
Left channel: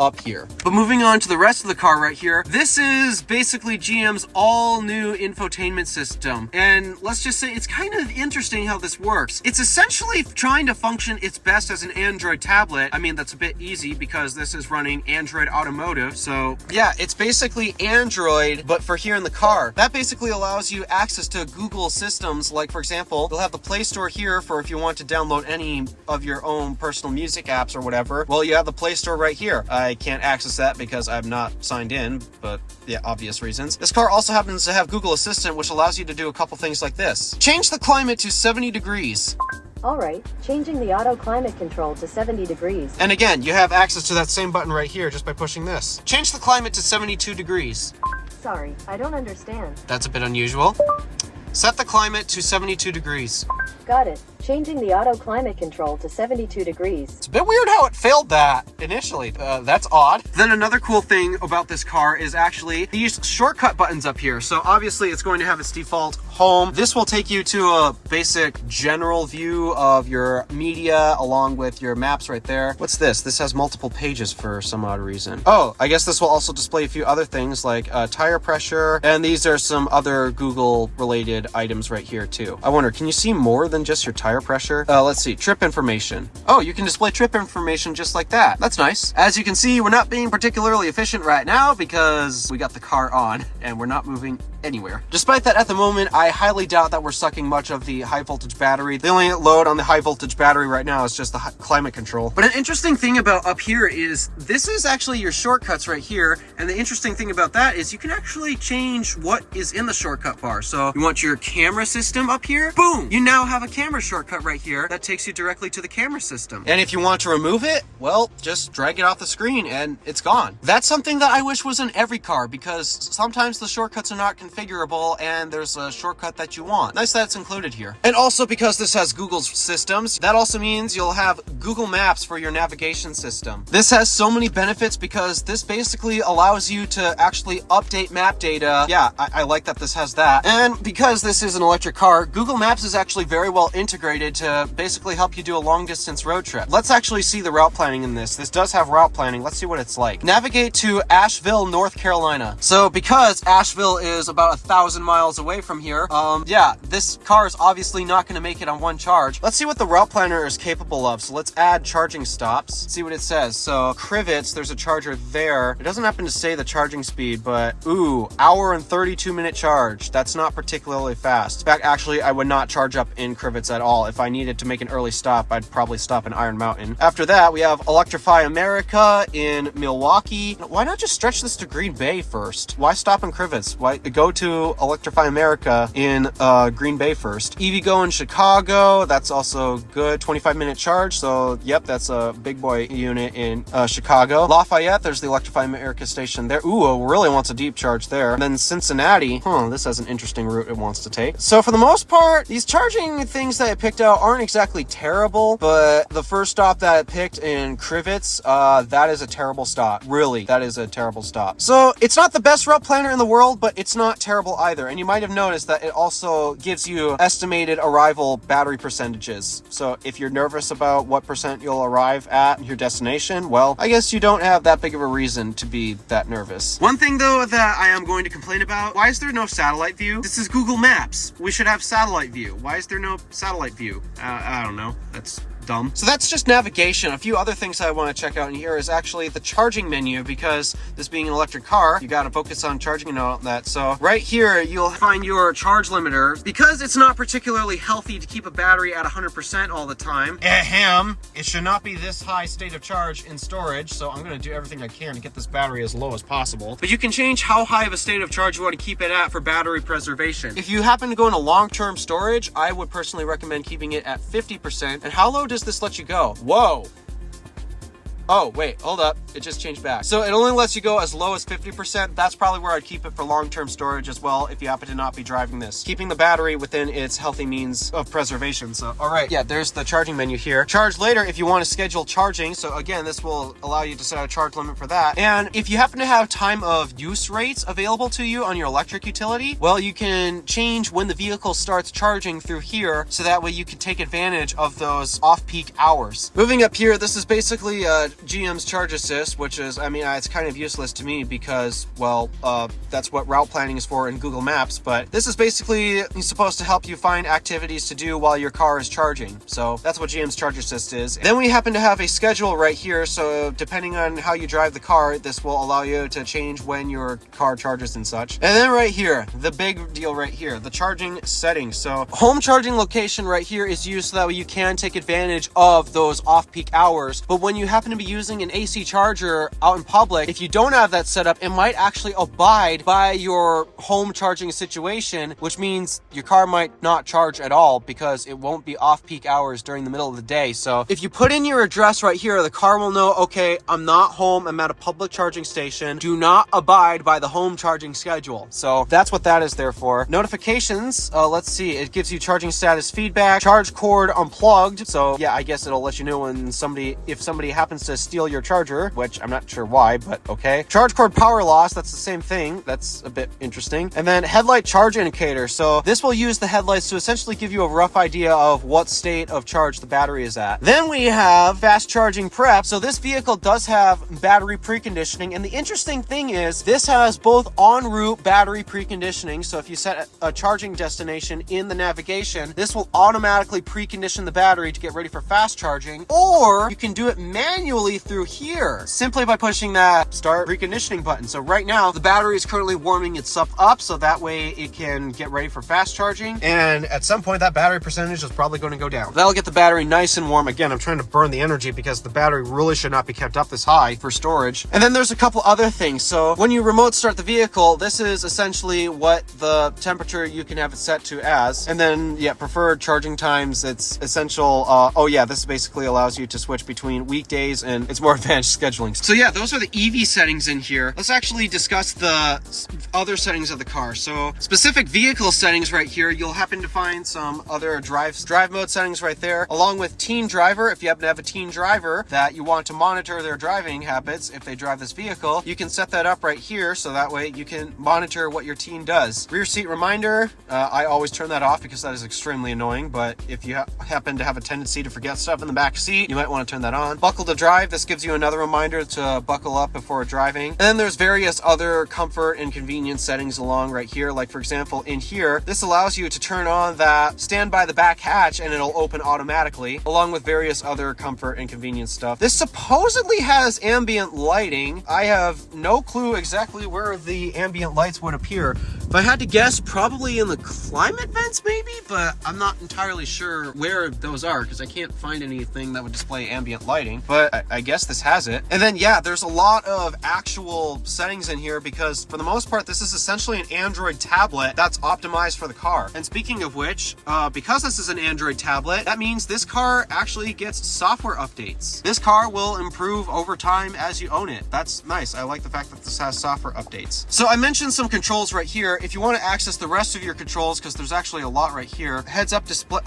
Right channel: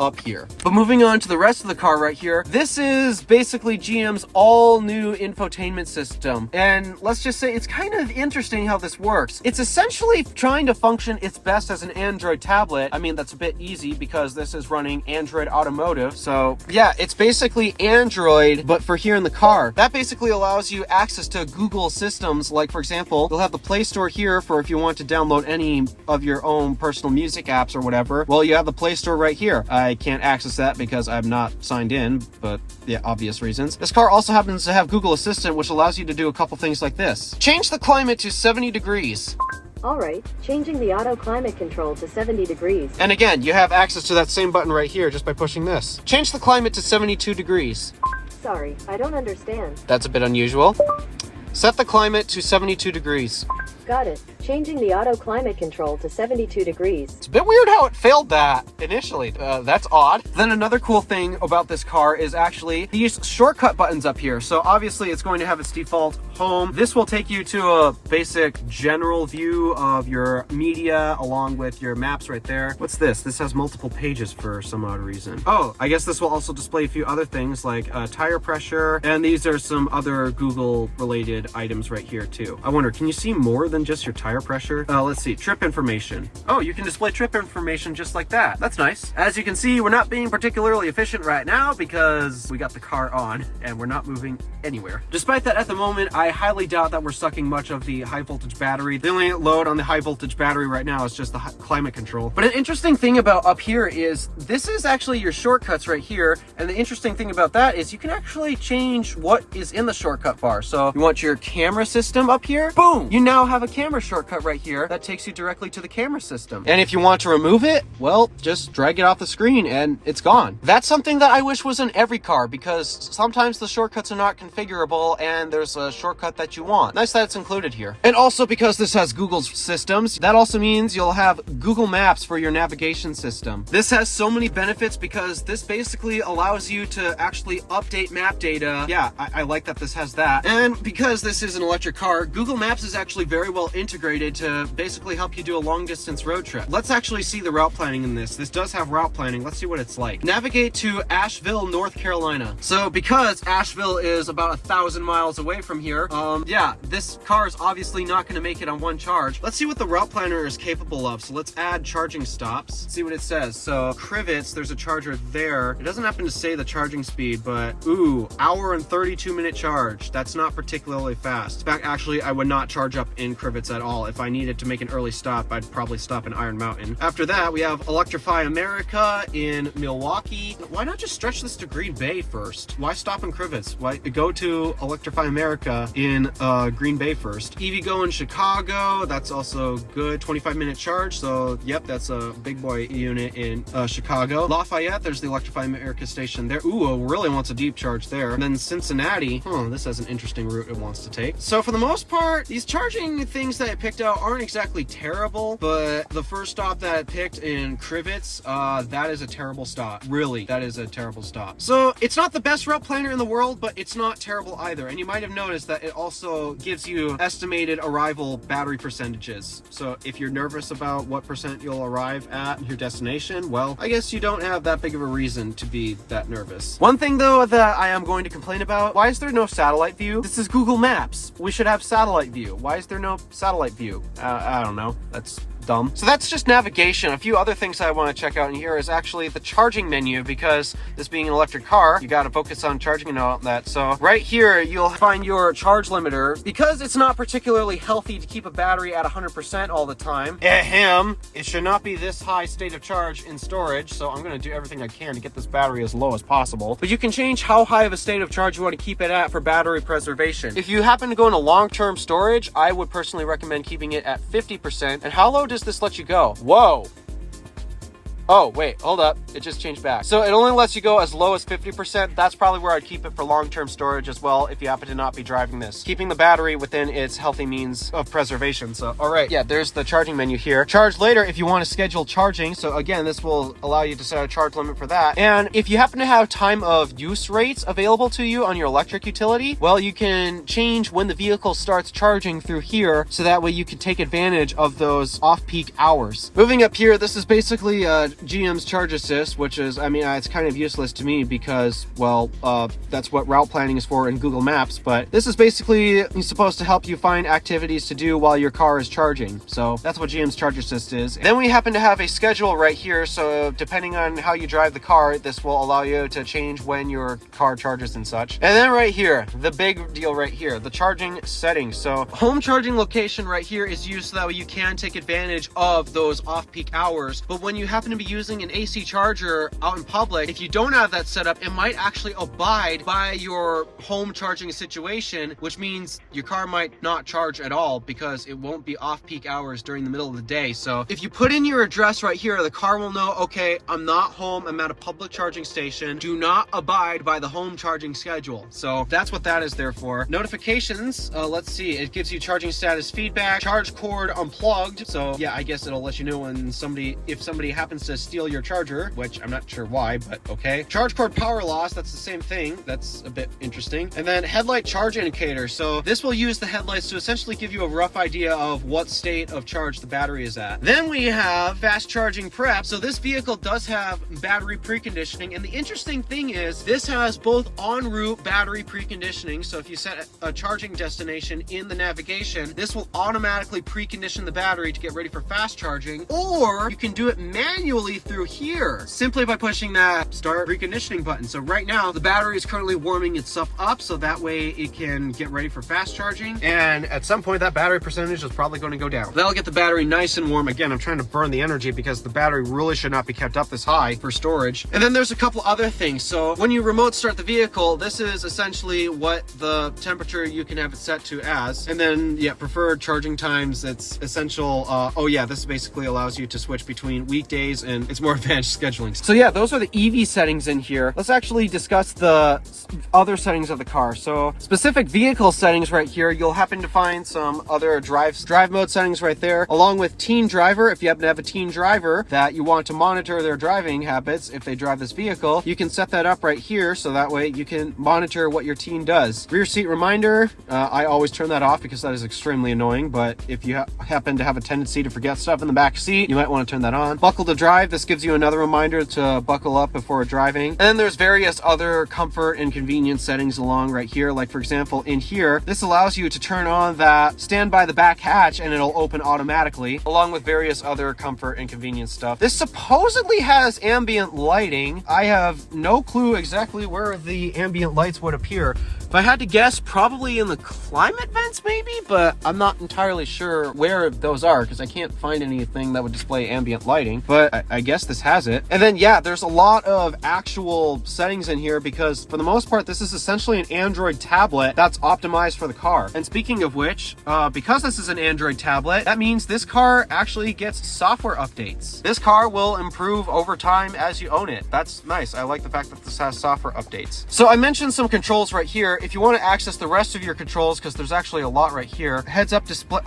up here. But moving on to the rest of the car right here, this is basically GM's all new infotainment system. And let's just say it's kind of interesting how this works. It's essentially trying to function its best as an Android tablet. I mean, that's a bit easy because this is running Android Automotive. So yeah, it's basically Android, but for here in the car. That basically allows you access to Google systems. Like for example, you'll have the Play Store here for if you want to download any of your own personal music apps or whatever. Well, you have the Play Store right here. I can't access that because I'm not signed in, but yeah, obvious reasons. This car also happens to have Google Assistant, which allows you to do a couple things like this. Change the climate to 70 degrees. Alright, changing the auto climate control to 70 degrees. And again, you have access to that same button right here just by pushing this. Change the climate to 72 degrees. Sorry, I don't understand. That's a bit unusual. Set the climate to 72 degrees. Got it. Changing the auto climate control to 72 degrees. It's a bit weird how it failed that initially. That's odd. Then another cool thing about this car is actually these shortcut buttons up here. So obviously it's going to have its default home. This will take you to a basic general view of your media along with your maps right there. What's this? This has multiple pages for some odd reason. Oh, I guess this will also display a few other things like tire pressure. And these are some other Google related items right here too. I wonder, can you see more than just your tire pressure? Let's see, trip information. Oh, you can display trip information just like that. That's nice. As you can see, we're not being particularly efficient right now because we got the car on and we're not moving anywhere. Despite that, at the moment, I highly doubt that we're sucking much of the high voltage battery. The only load on the high voltage battery right now is just the climate control. But an interesting thing about up here is this is actually your shortcuts right here. And the interesting thing about that is you can actually change what is in the shortcut bar. So you want your camera system up here? Boom! You now have a camera shortcut right here that takes you directly to the camera system. And if you want to remove it, well, just drag it off the screen and it's gone. That's something that I wish was in every car because sometimes the shortcuts are not configurable and there's a shortcut that you want. Nice that it's included here. And also because this has Google's systems, that also means you'll have Google Maps for your navigation system. This has so many benefits because this basically allows you to actually update map data. Yeah, I like that this has that. And because this is an electric car, Google Maps is actually very well integrated to basically help you do a long distance road trip. Let's actually see the route planning in this. This does have route planning. Let's see what it's like. Navigate to Asheville, North Carolina. So because Asheville is about 1,000 miles away from here, yeah, this car is obviously not going to make it on one charge. Let's see what the route planner is capable of. So let's add charging stops, see what it says. So Crivets, there's a charger there. It doesn't happen to say the charging speed, but ooh, hour and 32-minute charge. That's not particularly fast. In fact, actually, I would not charge up in Crivets at all. well. If I needed to make an early stop, I'd probably stop in Iron Mountain. After that, we have Electrify America in Milwaukee. Why not just stretch this to Green Bay first? Why stop in Crivets? Why go to Electrify America in Green Bay first? EVgo in Chicago, that's also good. 25-minute charge, so yep, that's a big boy unit in Chicago. Lafayette, there's the Electrify America station there. Ooh, it really wants a deep charge there. And then Cincinnati, this has an interesting route it wants to take. So for the most part, these charging things that I picked out aren't exactly terrible, but the first stop that I picked in Crivets, that is a terrible stop. Really, that is a terrible stop. So it's not the best route planner in the world, but it's not terrible either. And you might have noticed that it also gives you estimated arrival battery percentages. So if you're nervous about what percent you'll arrive at your destination, well, I guess you don't have that big of a reason to be that nervous. One thing though that I am going to complain about, why is there no satellite view? This is Google Maps. We should have satellite view. Why is there no satellite view? I don't know. That's dumb. So that's just navigation. A few other things that I want to check out in here is actually the charging menu, because this being an electric car, you got to focus on charging and all that. So right here, you'll find your charge limiter. Because it's not particularly healthy to keep a battery at 100% all the time. It should not be this high state of charge in storage. So I'm going to do everything I can to get this battery as low as possible. But you can change how high of a state of charge you want to keep it at for battery preservation. If you happen to go into long-term storage, I would personally recommend keeping it at 50%. And how low does this let you go? Whoa. Oh, wait, hold up. It just changed back. So it only lets you go as low as 50%. That's probably where I'd keep it for long-term storage as well, if you happen to not be driving this. Keeping the battery within its healthy means of preservation. So, all right, yeah, there's the charging menu here. Charge later if you want to schedule charging. So again, this will allow you to set a charge limit for that. And if you happen to have time of use rates available to you on your electric utility, well, you can change when the vehicle starts charging through here, so that way you can take advantage of those off-peak hours. Moving up here, this is basically GM's Charge Assist, which is, I mean, it's kind of useless to me because, well, that's what route planning is for in Google Maps, but this is basically supposed to help you find activities to do while your car is charging. So that's what GM's Charge Assist is. Then we happen to have a schedule right here, so depending on how you drive the car, this will allow you to change when your car charges and such. And then right here, the big deal right here, the charging settings. So home charging location right here is used so that way you can take advantage of those off-peak hours, but when you happen to be using an AC charger out in public, if you don't have that set up, it might actually abide by your home charging situation, which means your car might not charge at all because it won't be off-peak hours during the middle of the day. So if you put in your address right here, the car will know, okay, I'm not home, I'm at a public charging station. Do not abide by the home charging schedule. So that's what that is there for. Notifications, let's see, it gives you charging status feedback, charge cord unplugged. So yeah, I guess it'll let you know when if somebody happens to steal your charger, which I'm not sure why, but okay. Charge cord power loss, that's the same thing. That's a bit interesting. And then headlight charge indicator. So this will use the headlights to essentially give you a rough idea of what state of charge the battery is at. Then we have fast charging prep. So this vehicle does have battery preconditioning. And the interesting thing is this has both en route battery preconditioning. So if you set a charging destination in the navigation, this will automatically precondition the battery to get ready for fast charging, or you can do it manually through here simply by pushing that start preconditioning button. So right now the battery is currently warming itself up so that way it can get ready for fast charging, and at some point that battery percentage is probably going to go down. That'll get the battery nice and warm. Again, I'm trying to burn the energy because the battery really should not be kept up this high for storage. And then there's a couple other things. So when you remote start the vehicle, this is essentially what the temperature you can have it set to as. And then yeah, preferred charging times, it's essential. Oh yeah, this basically allows you to switch between weekdays, and it's more advanced scheduling. So yeah, those are the EV settings in here. Let's actually discuss the other settings of the car. So specific vehicle settings right here, you'll happen to find some other drive mode settings right there, along with teen driver. If you happen to have a teen driver that you want to monitor their driving habits if they drive this vehicle, you can set that up right here so that way you can monitor what your teen does. Rear seat reminder, I always turn that off because that is extremely annoying, but if you happen to have a tendency to forget stuff in the back seat, you might want to turn that on. Buckle to drive, this gives you another reminder to buckle up before driving. And then there's various other comfort and convenience settings along right here. Like for example, in here, this allows you to turn on that stand by the back hatch and it'll open automatically, along with various other comfort and convenience stuff. This supposedly has ambient lighting. I have no clue exactly where the ambient lights would appear. If I had to guess, probably in the climate vents maybe, but I'm not entirely sure where those are because I can't find anything that would display ambient lighting, but I guess this has it. And then yeah, there's a lot of actual settings in here because for the most part, this is essentially an Android tablet that's optimized for the car. And speaking of which, because this is an Android tablet, that means this car actually gets software updates. This car will improve over time as you own it. That's nice. I like the fact that this has software updates. So I mentioned some controls right here. If you want to access the rest of your controls, because there's actually a lot right here. Heads up display.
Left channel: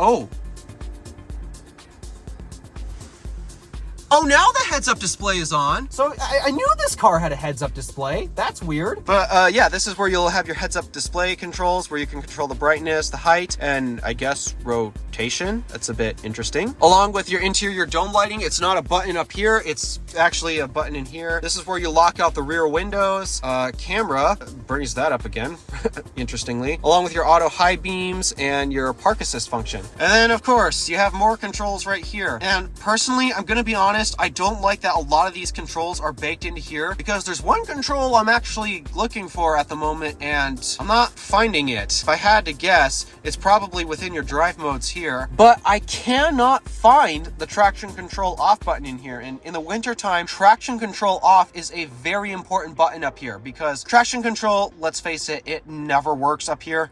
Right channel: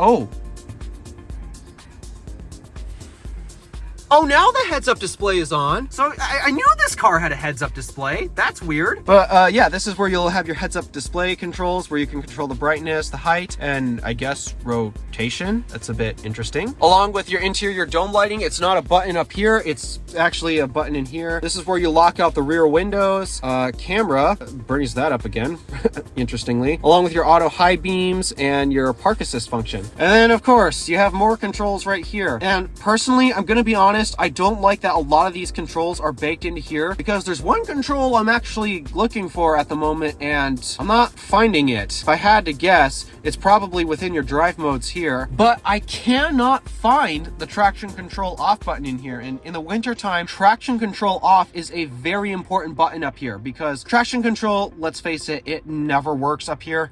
Oh, now the heads-up display is on. So I knew this car had a heads-up display. That's weird. But yeah, this is where you'll have your heads-up display controls where you can control the brightness, the height, and I guess rotation. That's a bit interesting. Along with your interior dome lighting, it's not a button up here. It's actually a button in here. This is where you lock out the rear windows. Camera, brings that up again, interestingly. Along with your auto high beams and your park assist function. And then of course, you have more controls right here. And personally, I'm gonna be honest, I don't like that a lot of these controls are baked into here because there's one control I'm actually looking for at the moment and I'm not finding it. If I had to guess, it's probably within your drive modes here, but I cannot find the traction control off button in here. And in the winter time, traction control off is a very important button up here because traction control, let's face it, it never works up here.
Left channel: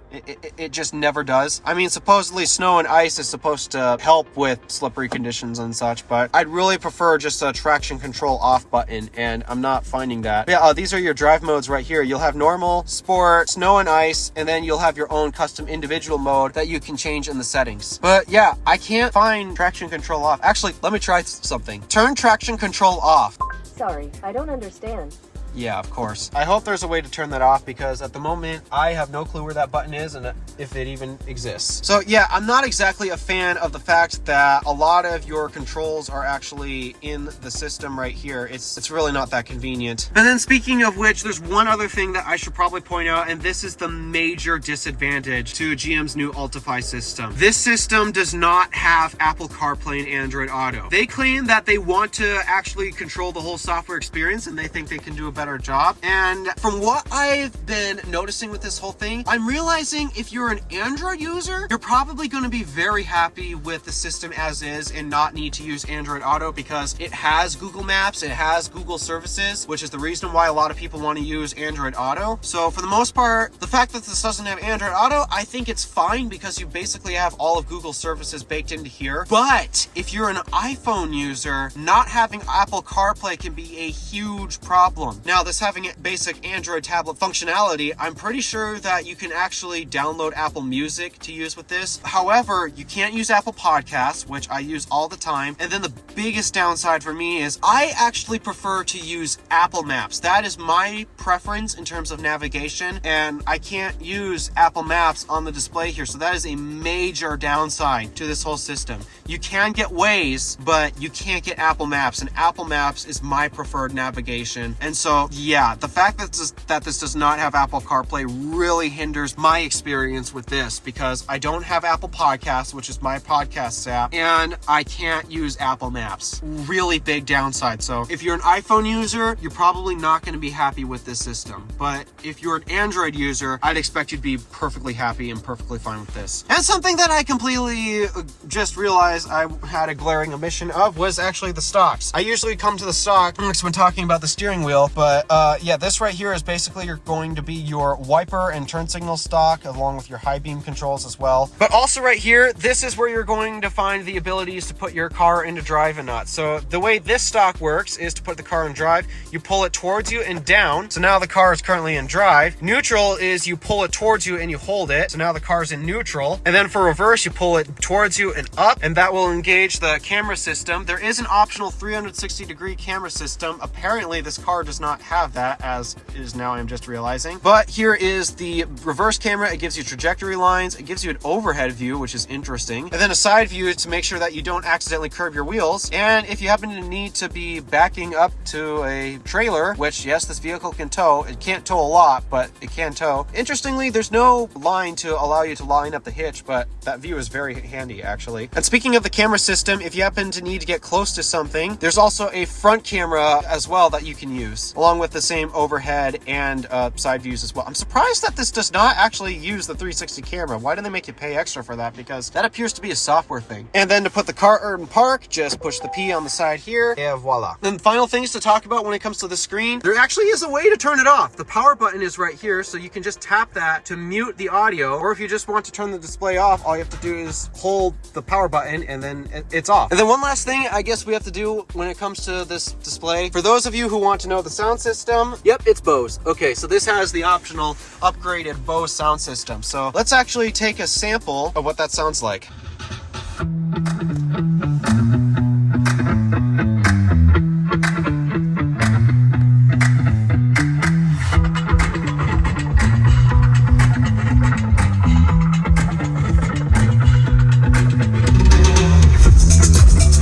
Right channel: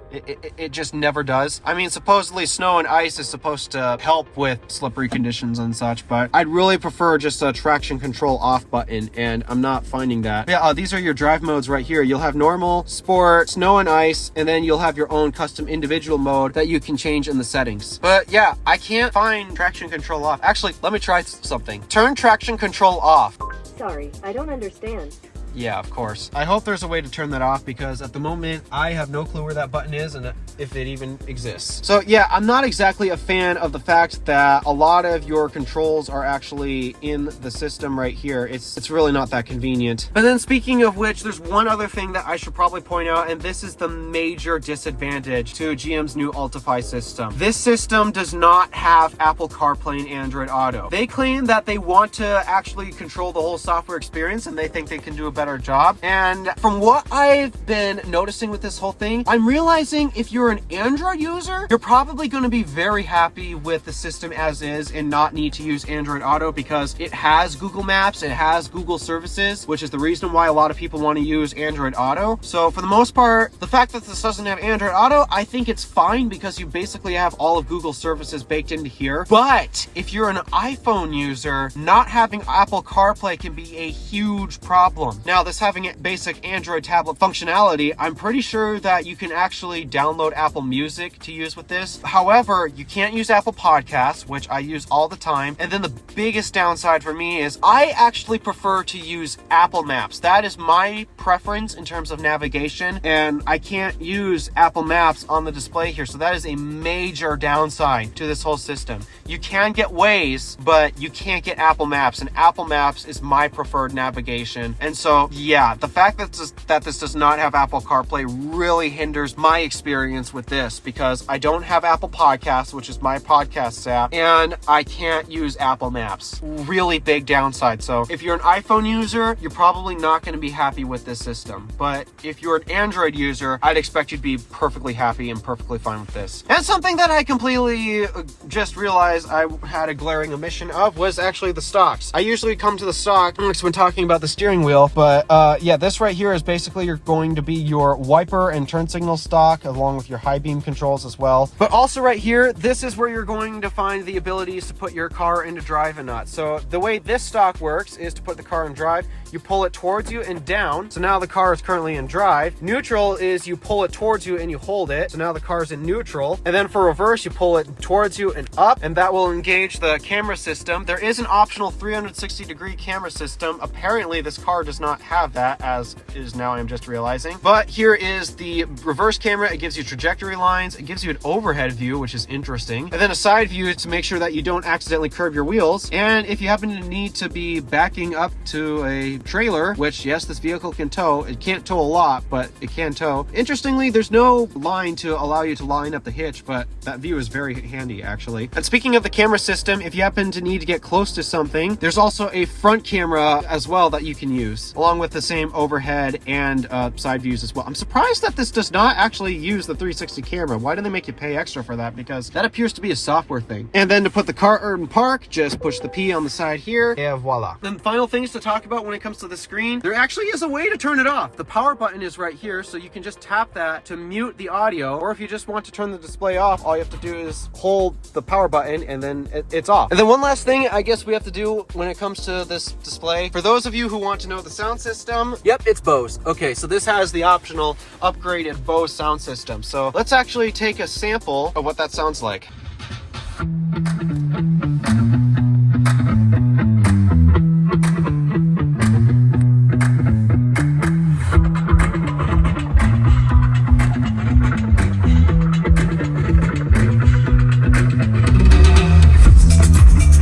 It just never does. I mean, supposedly snow and ice is supposed to help with slippery conditions and such, but I'd really prefer just a traction control off button and I'm not finding that. Yeah, these are your drive modes right here. You'll have normal, sport, snow and ice, and then you'll have your own custom individual mode that you can change in the settings. But yeah, I can't find traction control off. Actually, let me try something. Turn traction control off. Sorry, I don't understand. Yeah, of course. I hope there's a way to turn that off because at the moment I have no clue where that button is and if it even exists. So yeah, I'm not exactly a fan of the fact that a lot of your controls are actually in the system right here. It's really not that convenient. And then speaking of which, there's one other thing that I should probably point out, and this is the major disadvantage to GM's new Ultify system. This system does not have Apple CarPlay and Android Auto. They claim that they want to actually control the whole software experience and they think they can do a better job. And from what I've been noticing with this whole thing, I'm realizing if you're an Android user, you're probably going to be very happy with the system as is and not need to use Android Auto because it has Google Maps, it has Google services, which is the reason why a lot of people want to use Android Auto. So for the most part, the fact that this doesn't have Android Auto, I think it's fine because you basically have all of Google services baked into here. But if you're an iPhone user, not having Apple CarPlay can be a huge problem. Now, this having basic Android tablet functionality, I'm pretty sure that you can actually download Apple Music to use with this. However, you can't use Apple Podcasts, which I use all the time. And then the biggest downside for me is I actually prefer to use Apple Maps. That is my preference in terms of navigation, and I can't use Apple Maps on the display here. So that is a major downside to this whole system. You can get Waze, but you can't get Apple Maps, and Apple Maps is my preferred navigation. And so yeah, the fact that this does not have Apple CarPlay really hinders my experience with this because I don't have Apple Podcasts, which is my podcast app, and I can't use Apple Maps. Really big downside. So if you're an iPhone user, you're probably not going to be happy with this system. But if you're an Android user, I'd expect you to be perfectly happy and perfectly fine with this. And something that I completely just realized I had a glaring omission of was actually the stocks. I usually come to the stock when talking about the steering wheel, but yeah, this right here is basically going to be your wiper and turn signal stock along with your high beam controls as well. But also right here, this is where you're going to find the abilities to put your car into drive and not. So the way this stock works is to put the car in drive, you pull it towards you and down. So now the car is currently in drive. Neutral is you pull it towards you and you hold it. So now the car is in neutral. And then for reverse, you pull it towards you and up, and that will engage the camera system. There is an optional 360-degree camera system. Apparently this car does not have that, as is now I'm just realizing. But here is the reverse camera. It gives you trajectory lines. It gives you an overhead view, which is interesting. And then a side view to make sure that you don't accidentally curb your wheels. And if you happen to need to be backing up to a trailer, which yes, this vehicle can tow. It can't tow a lot, but it can tow. Interestingly, there's no line to allow you to line up the hitch, but that view is very handy actually. And speaking of the camera system, if you happen to need to get close to something, there's also a front camera as well that you can use. along with the same overhead and side views as well. I'm surprised that this does not actually use the 360 camera. Why do they make you pay extra for that? Because that appears to be a software thing. And then to put the car in park, just push the P on the side here, and voila. Then final things to talk about when it comes to the screen, there actually is a way to turn it off. The power button is right here, so you can just tap that to mute the audio, or if you just want to turn the display off, all you have to do is hold the power button and then it's off. And then one last thing I guess we have to do when it comes to this display, for those of you who want to know the sound system, yep, it's Bose. Okay, so this has the optional upgraded Bose sound system. So let's actually take a sample of what that sounds like.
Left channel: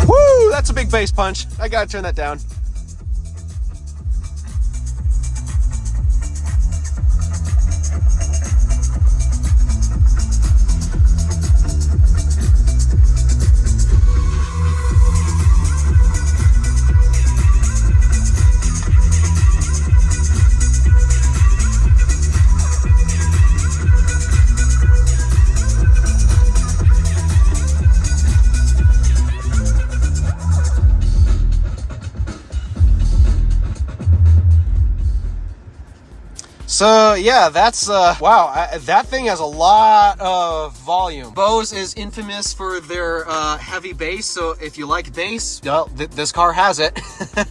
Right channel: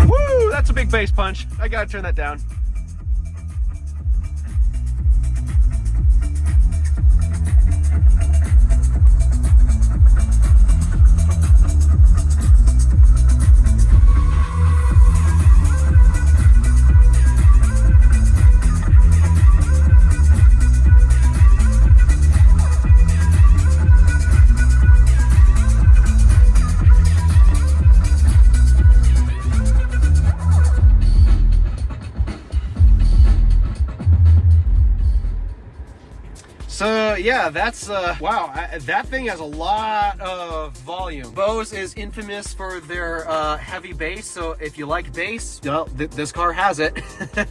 Woo, that's a big bass punch. I gotta turn that down. So yeah, that's wow, that thing has a lot of volume. Bose is infamous for their heavy bass, so if you like bass, this car has it.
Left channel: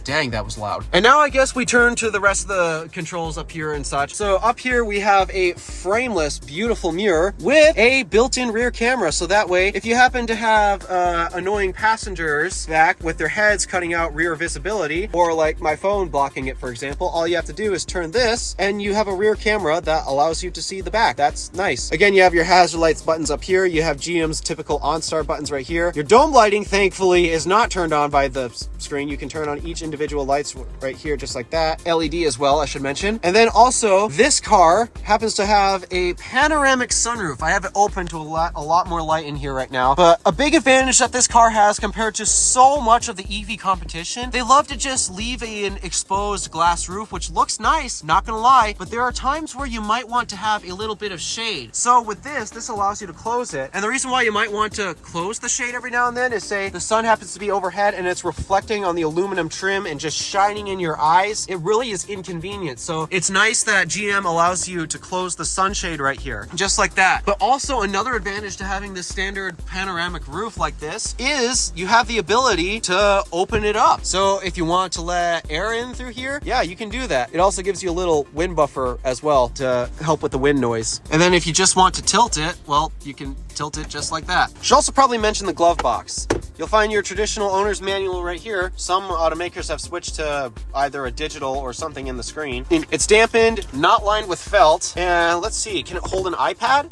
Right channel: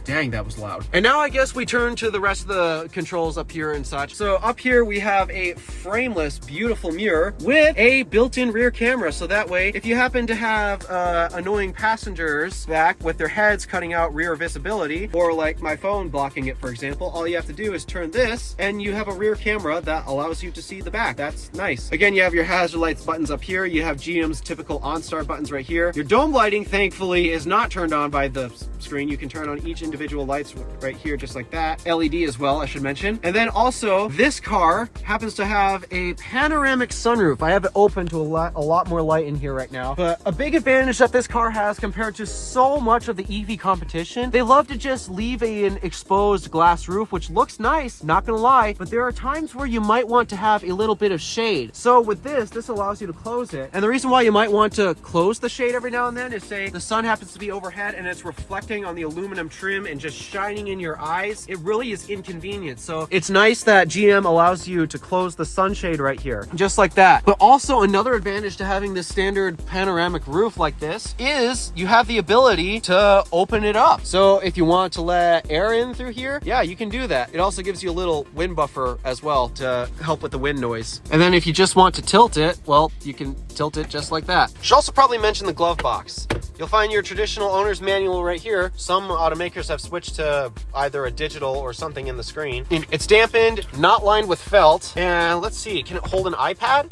Dang, that was loud. And now I guess we turn to the rest of the controls up here and such. So up here we have a frameless, beautiful mirror with a built-in rear camera, so that way if you happen to have annoying passengers back with their heads cutting out rear visibility, or like my phone blocking it, for example, all you have to do is turn this and you have a rear camera that allows you to see the back. That's nice. Again, you have your hazard lights buttons up here. You have GM's typical OnStar buttons right here. Your dome lighting, thankfully, is not turned on by the screen. You can turn on each individual lights right here, just like that. LED as well, I should mention. And then also, this car happens to have a panoramic sunroof. I have it open to a lot more light in here right now. But a big advantage that this car has compared to so much of the EV competition, they love to just leave an exposed glass roof, which looks nice, not gonna lie, but there are times where you might want to have a little bit of shade. So with this allows you to close it. And the reason why you might want to close the shade every now and then is, say the sun happens to be overhead and it's reflecting on the aluminum trim and just shining in your eyes. It really is inconvenient. So it's nice that GM allows you to close the sunshade right here, just like that. But also another advantage to having this standard panoramic roof like this is you have the ability to open it up. So if you want to let air in through here, yeah, you can do that. It also gives you a little wind buffer as well to help with the wind noise. And then if you just want to tilt it, well, you can tilt it just like that. Should also probably mention the glove box. You'll find your traditional owner's manual right here. Some automakers have switched to either a digital or something in the screen. It's dampened, not lined with felt. And let's see, can it hold an iPad?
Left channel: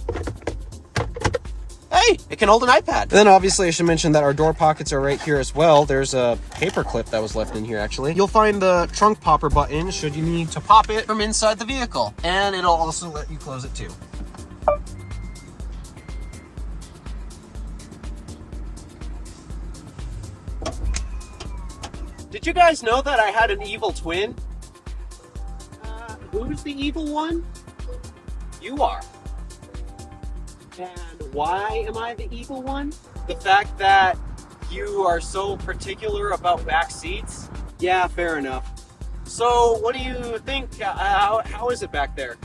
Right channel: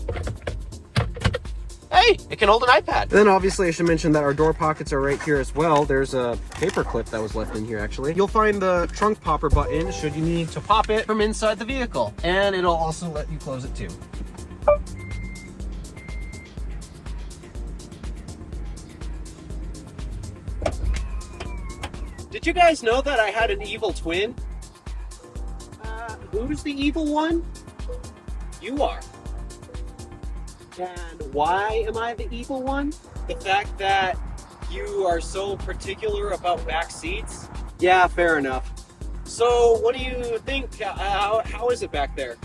Hey, it can hold an iPad. And then obviously I should mention that our door pockets are right here as well. There's a paper clip that was left in here actually. You'll find the trunk popper button should you need to pop it from inside the vehicle. And it'll also let you close it too. Did you guys know that I had an evil twin? Who's the evil one? You are. And why am I the evil one? The fact that you are so particular about back seats? Yeah, fair enough. So what do you think? How is it back there?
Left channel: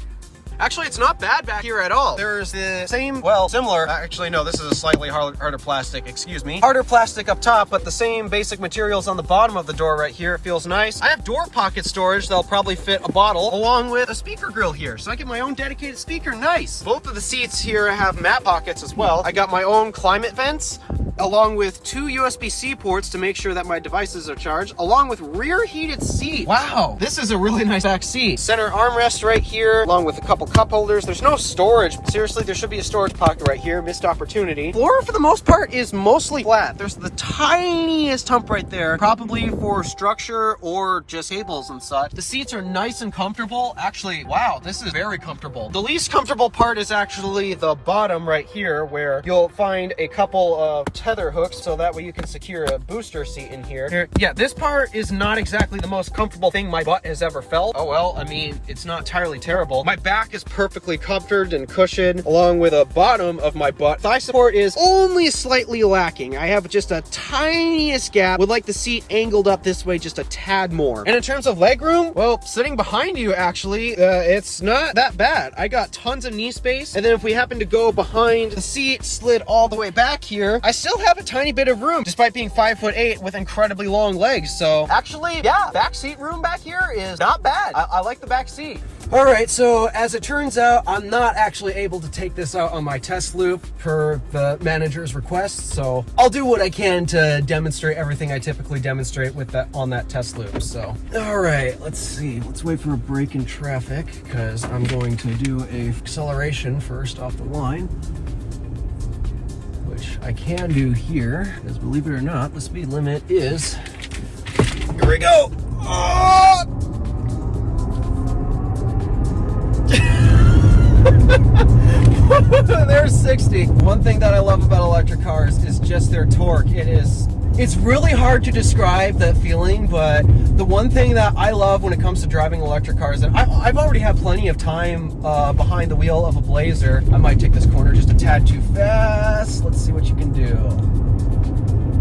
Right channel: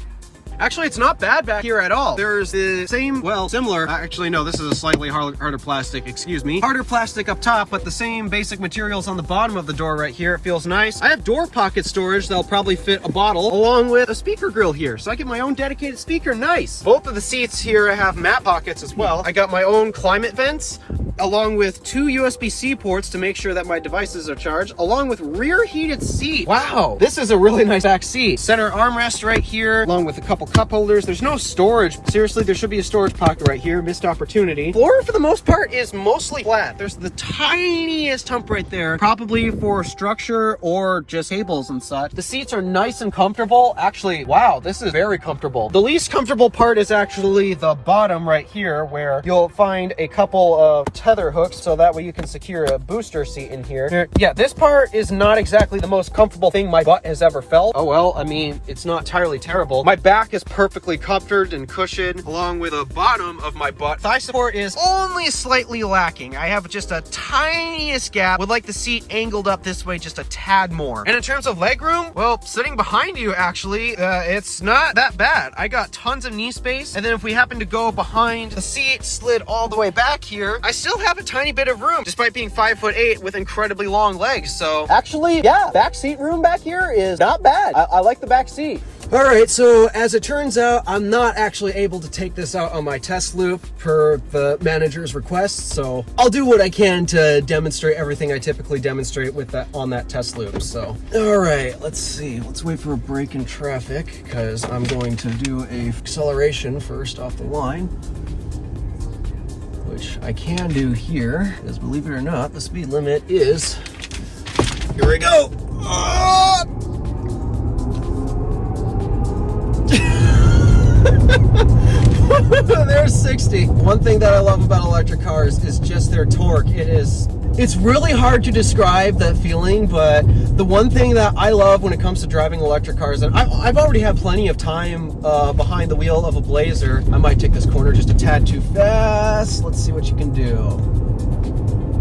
Actually, it's not bad back here at all. There's the same, well, similar, actually no, this is a slightly harder plastic, excuse me. Harder plastic up top, but the same basic materials on the bottom of the door right here. It feels nice. I have door pocket storage that'll probably fit a bottle, along with a speaker grill here. So I get my own dedicated speaker, nice. Both of the seats here have mat pockets as well. I got my own climate vents, along with 2 USB-C ports to make sure that my devices are charged, along with rear heated seat. Wow, this is a really nice back seat. Center armrest right here, along with a couple cup holders. There's no storage. Seriously, there should be a storage pocket right here. Missed opportunity. Floor, for the most part, is mostly flat. There's the tiniest hump right there, probably for structure or just cables and such. The seats are nice and comfortable. Actually, wow, this is very comfortable. The least comfortable part is actually the bottom right here, where you'll find a couple of tether hooks so that way you can secure a booster seat in here. Yeah, this part is not exactly the most comfortable thing my butt has ever felt. Oh well, I mean, it's not entirely terrible. My back is perfectly comforted and cushioned, along with the bottom of my butt. Thigh support is only slightly lacking. I have just a tiniest gap. Would like the seat angled up this way just a tad more. And in terms of leg room, well, sitting behind you actually, it's not that bad. I got tons of knee space. And then if we happen to go behind the seat, slid all the way back here, I still have a tiny bit of room despite being 5'8" with incredibly long legs. So actually, yeah, back seat room back here is not bad. I like the back seat. All right, so as it turns out, I'm not actually able to take this out on my test loop per the manager's request, so I'll do what I can to demonstrate everything I typically demonstrate with that on that test loop. So, all right, let's see. Let's wait for a break in traffic because I'm going to do a acceleration first off the line, which I can do here, because believe it or not, the speed limit is, here we go. Ah! There's 60. One thing that I love about electric cars is just their torque. It's really hard to describe that feeling, but the one thing that I love when it comes to driving electric cars, and I've already had plenty of time behind the wheel of a Blazer. I might take this corner just a tad too fast. Let's see what you can do.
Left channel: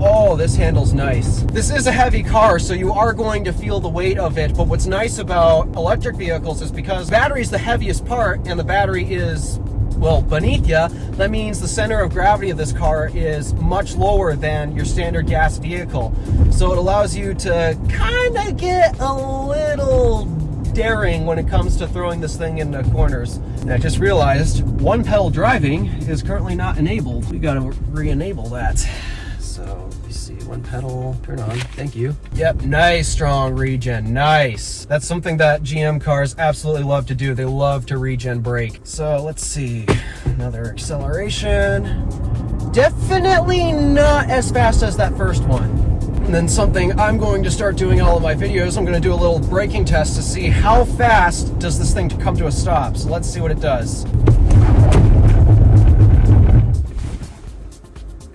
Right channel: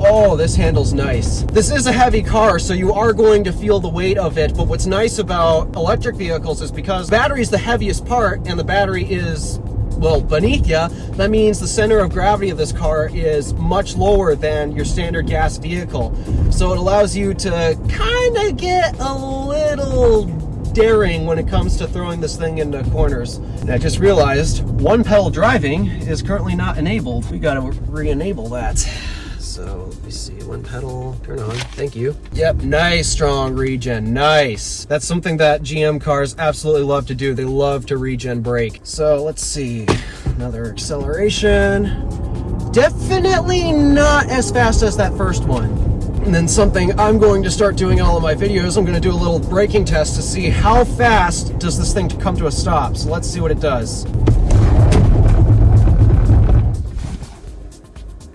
Oh, this handle's nice. This is a heavy car, so you are going to feel the weight of it, but what's nice about electric vehicles is because battery is the heaviest part and the battery is, well, beneath you, that means the center of gravity of this car is much lower than your standard gas vehicle. So it allows you to kind of get a little daring when it comes to throwing this thing into corners. And I just realized one pedal driving is currently not enabled. We gotta re-enable that. So let me see, one pedal, turn on, thank you. Yep, nice strong regen, nice. That's something that GM cars absolutely love to do. They love to regen brake. So let's see, another acceleration. Definitely not as fast as that first one. And then something I'm going to start doing in all of my videos, I'm gonna do a little braking test to see how fast does this thing come to a stop. So let's see what it does.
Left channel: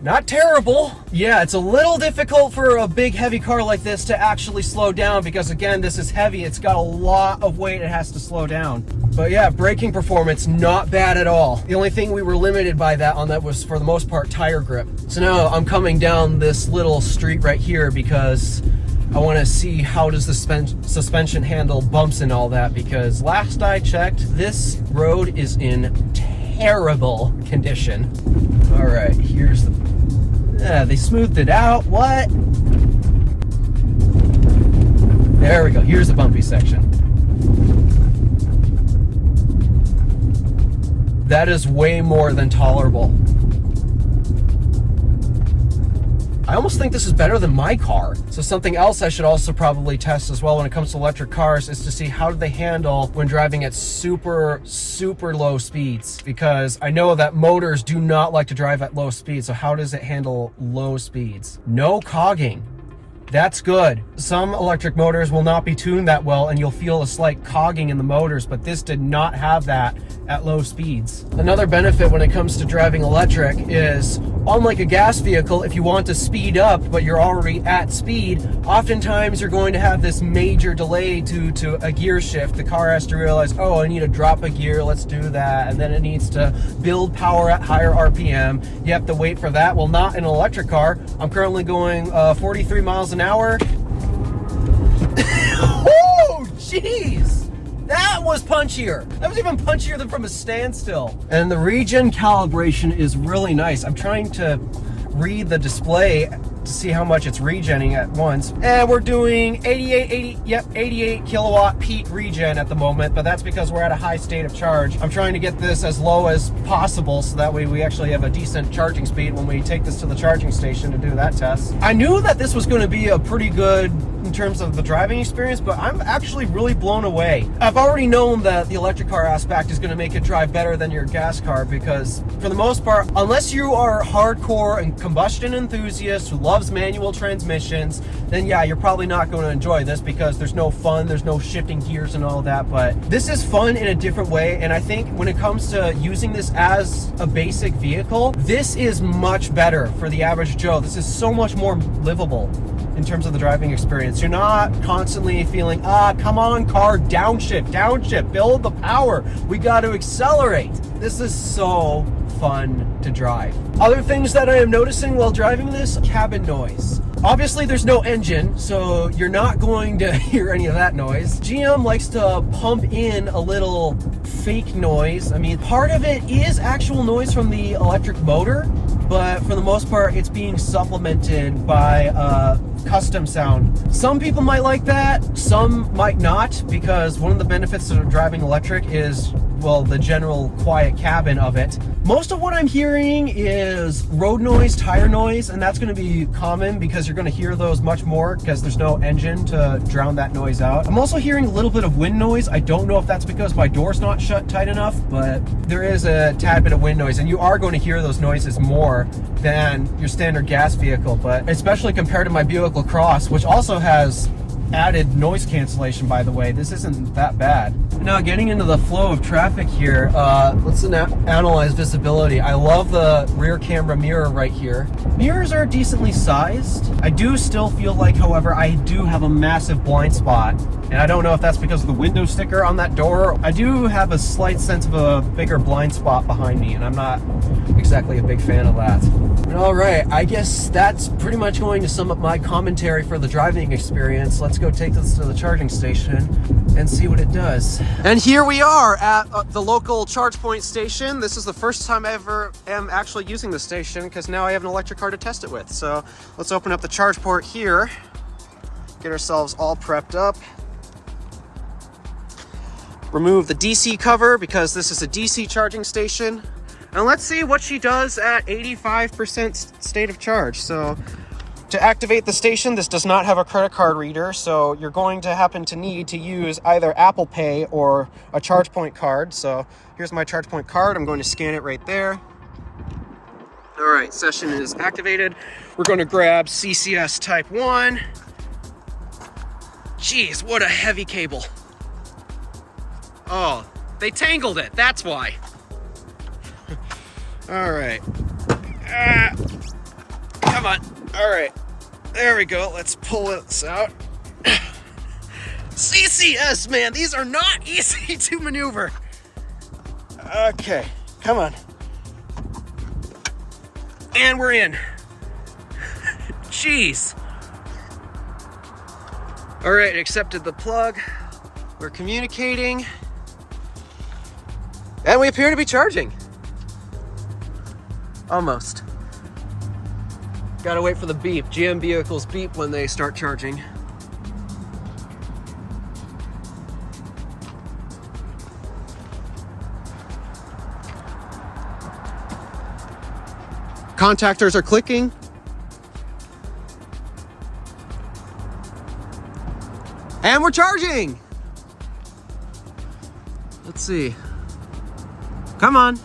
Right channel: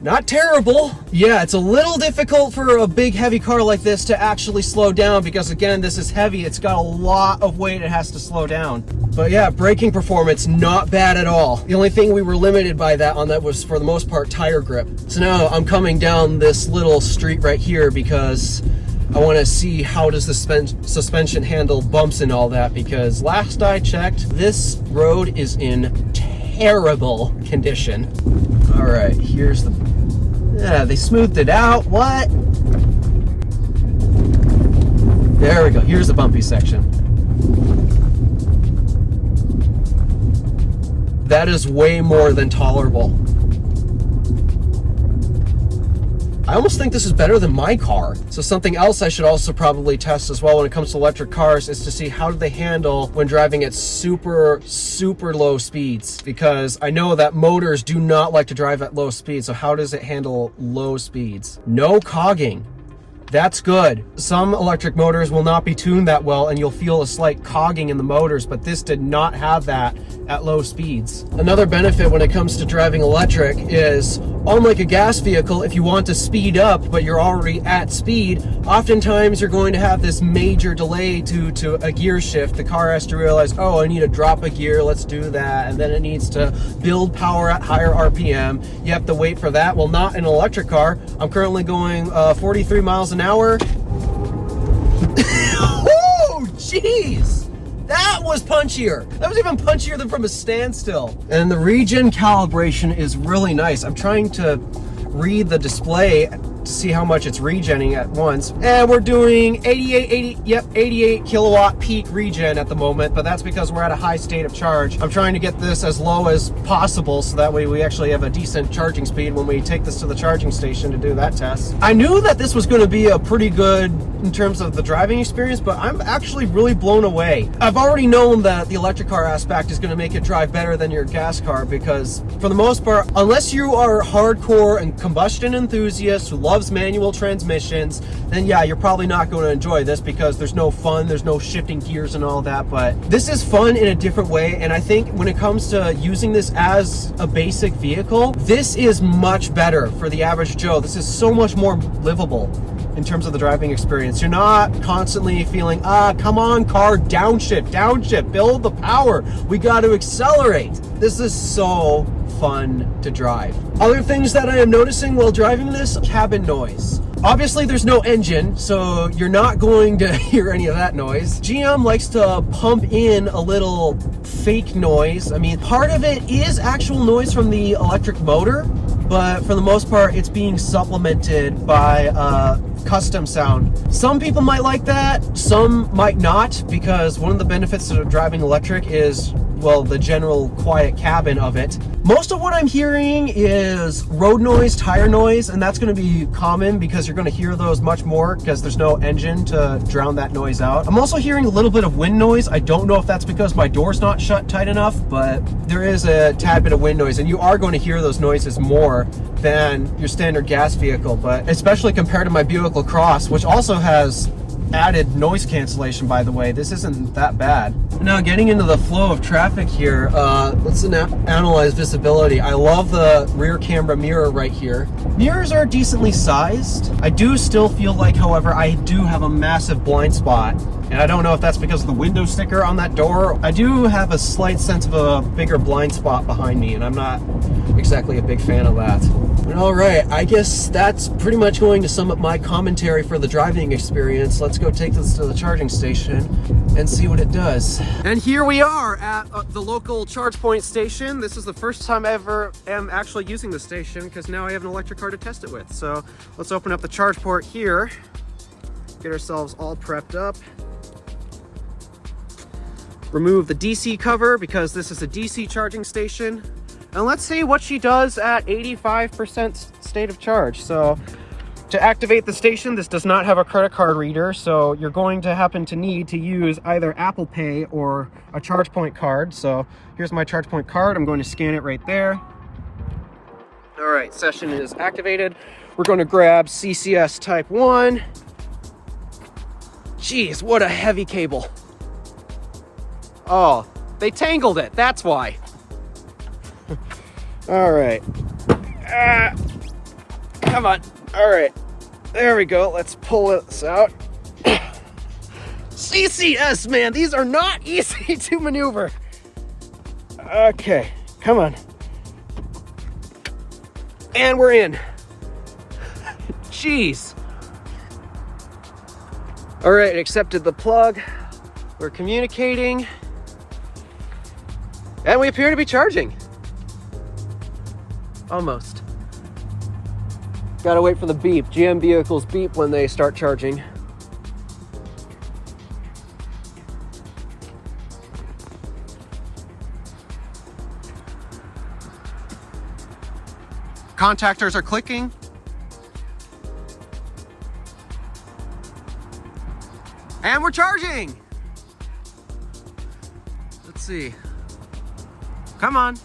Not terrible. Yeah, it's a little difficult for a big heavy car like this to actually slow down because again, this is heavy. It's got a lot of weight it has to slow down. But yeah, braking performance, not bad at all. The only thing we were limited by that was for the most part tire grip. So now I'm coming down this little street right here because I want to see how does the suspension handle bumps and all that, because last I checked, this road is in terrible condition. All right, here's the, yeah, they smoothed it out. What? There we go. Here's the bumpy section. That is way more than tolerable. I almost think this is better than my car. So something else I should also probably test as well when it comes to electric cars is to see how do they handle when driving at super, super low speeds. Because I know that motors do not like to drive at low speeds. So how does it handle low speeds? No cogging. That's good. Some electric motors will not be tuned that well and you'll feel a slight cogging in the motors, but this did not have that at low speeds. Another benefit when it comes to driving electric is, unlike a gas vehicle, if you want to speed up but you're already at speed, oftentimes you're going to have this major delay due to a gear shift. The car has to realize, oh, I need to drop a gear, let's do that, and then it needs to build power at higher RPM. You have to wait for that. Well, not in an electric car. I'm currently going 43 miles an hour. Oh, jeez! That was punchier. That was even punchier than from a standstill. And the regen calibration is really nice. I'm trying to read the display to see how much it's regenning at once. And we're doing 88 kilowatt peak regen at the moment, but that's because we're at a high state of charge. I'm trying to get this as low as possible so that way we actually have a decent charging speed when we take this to the charging station to do that test. I knew that this was going to be a pretty good in terms of the driving experience, but I'm actually really blown away. I've already known that the electric car aspect is going to make it drive better than your gas car because for the most part, unless you are hardcore and combustion enthusiasts who loves manual transmissions, then yeah, you're probably not going to enjoy this because there's no fun, there's no shifting gears and all that. But this is fun in a different way, and I think when it comes to using this as a basic vehicle, this is much better for the average Joe. This is so much more livable in terms of the driving experience. You're not constantly feeling, come on car, downshift, build the power, we got to accelerate. This is so fun to drive. Other things that I am noticing while driving this, cabin noise. Obviously there's no engine, so you're not going to hear any of that noise. GM likes to pump in a little fake noise. I mean, part of it is actual noise from the electric motor, but for the most part, it's being supplemented by custom sound. Some people might like that, some might not, because one of the benefits of driving electric is, well, the general quiet cabin of it. Most of what I'm hearing is road noise, tire noise, and that's going to be common because you're going to hear those much more because there's no engine to drown that noise out. I'm also hearing a little bit of wind noise. I don't know if that's because my door's not shut tight enough, but there is a tad bit of wind noise, and you are going to hear those noises more than your standard gas vehicle, but especially compared to my Buick LaCrosse, which also has added noise cancellation, by the way. This isn't that bad. Now, getting into the flow of traffic here, let's analyze visibility. I love the rear camera mirror right here. Mirrors are decently sized. I do still feel like, however, I do have a massive blind spot, and I don't know if that's because of the window sticker on that door. I do have a slight sense of a bigger blind spot behind me, and I'm not exactly a big fan of that. But all right, I guess that's pretty much going to sum up my commentary for the driving experience. Let's go take this to the charging station and see what it does. And here we are at the local charge point station. This is the first time I ever am actually using the station because now I have an electric car to test it with. So let's open up the charge port here, get ourselves all prepped up. Remove the DC cover because this is a DC charging station. And let's see what she does at 85% state of charge. So to activate the station, this does not have a credit card reader, so you're going to happen to need to use either Apple Pay or a ChargePoint card. So here's my ChargePoint card. I'm going to scan it right there. All right, session is activated. We're going to grab CCS Type 1. Jeez, what a heavy cable. Oh, they tangled it, that's why. All right. Come on. All right. There we go. Let's pull this out. CCS, man, these are not easy to maneuver. Okay, come on. And we're in. Jeez. All right, accepted the plug. We're communicating. And we appear to be charging. Almost. Gotta wait for the beep. GM vehicles beep when they start charging. Contactors are clicking. And we're charging. Let's see. Come on.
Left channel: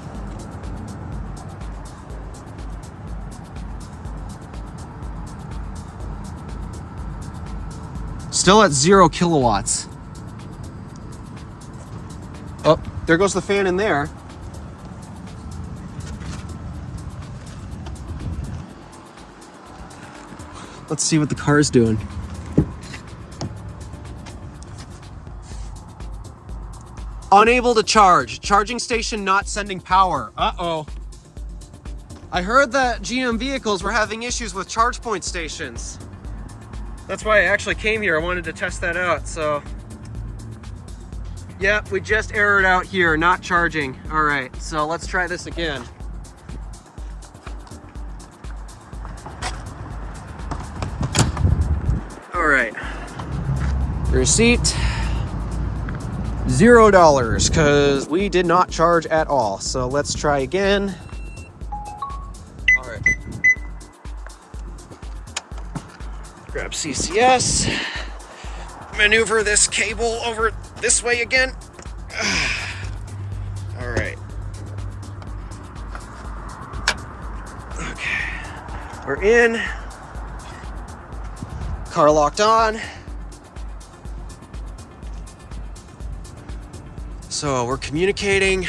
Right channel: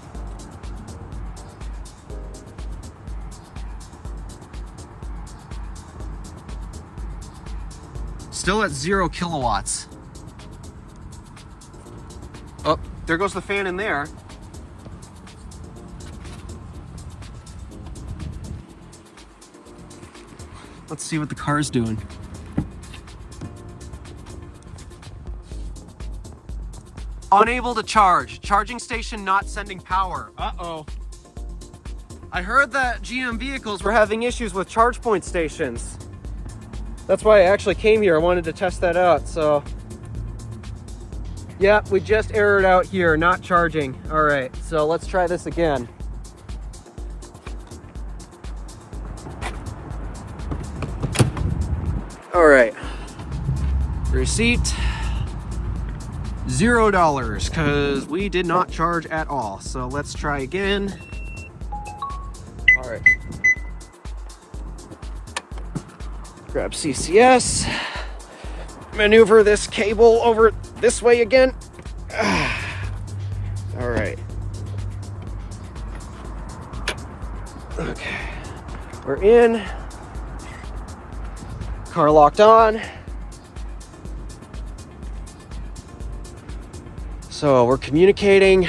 Still at 0 kilowatts. Oh, there goes the fan in there. Let's see what the car is doing. Unable to charge. Charging station not sending power. Uh-oh. I heard that GM vehicles were having issues with charge point stations. That's why I actually came here. I wanted to test that out, so. Yep, we just errored out here, not charging. All right, so let's try this again. All right, receipt, $0, because we did not charge at all. So let's try again. All right. Grab CCS, maneuver this cable over this way again. All right. Okay, we're in. car locked on. So we're communicating.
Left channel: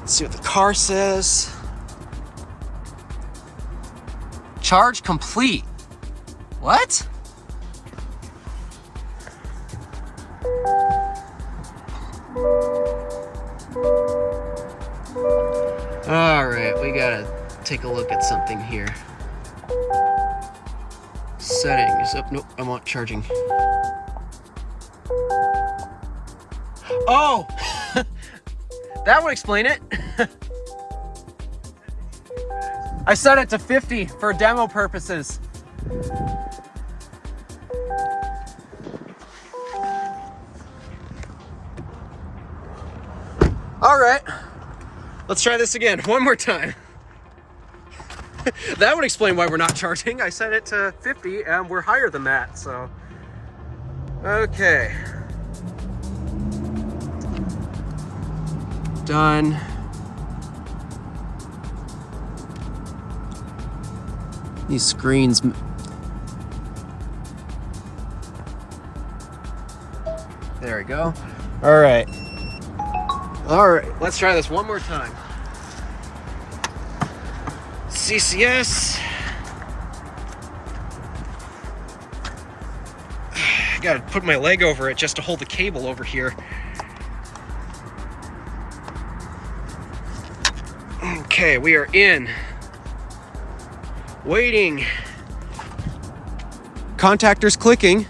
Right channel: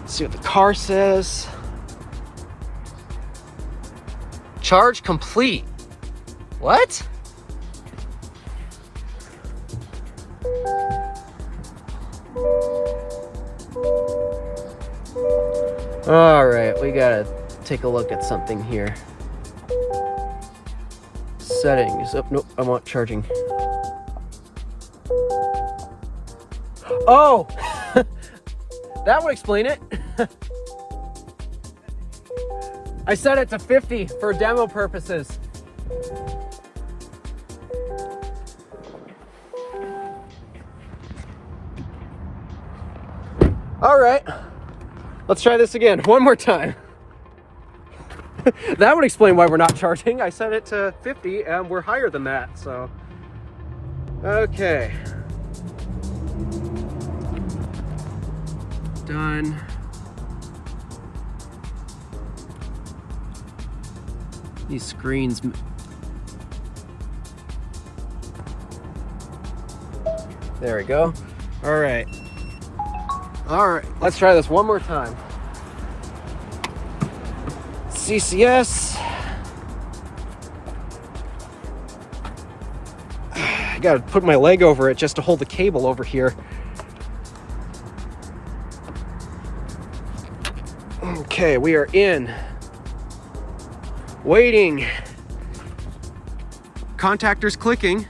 Let's see what the car says. Charge complete. What? All right, we gotta take a look at something here. Settings. Oh, nope, I want charging. Oh! That would explain it. I set it to 50 for demo purposes. All right, let's try this again one more time. That would explain why we're not charging. I set it to 50 and we're higher than that, so. Okay. Done. These screens. There we go. All right. All right, let's try this one more time. CCS. I gotta put my leg over it just to hold the cable over here. Okay, we are in. Waiting. Contactors clicking.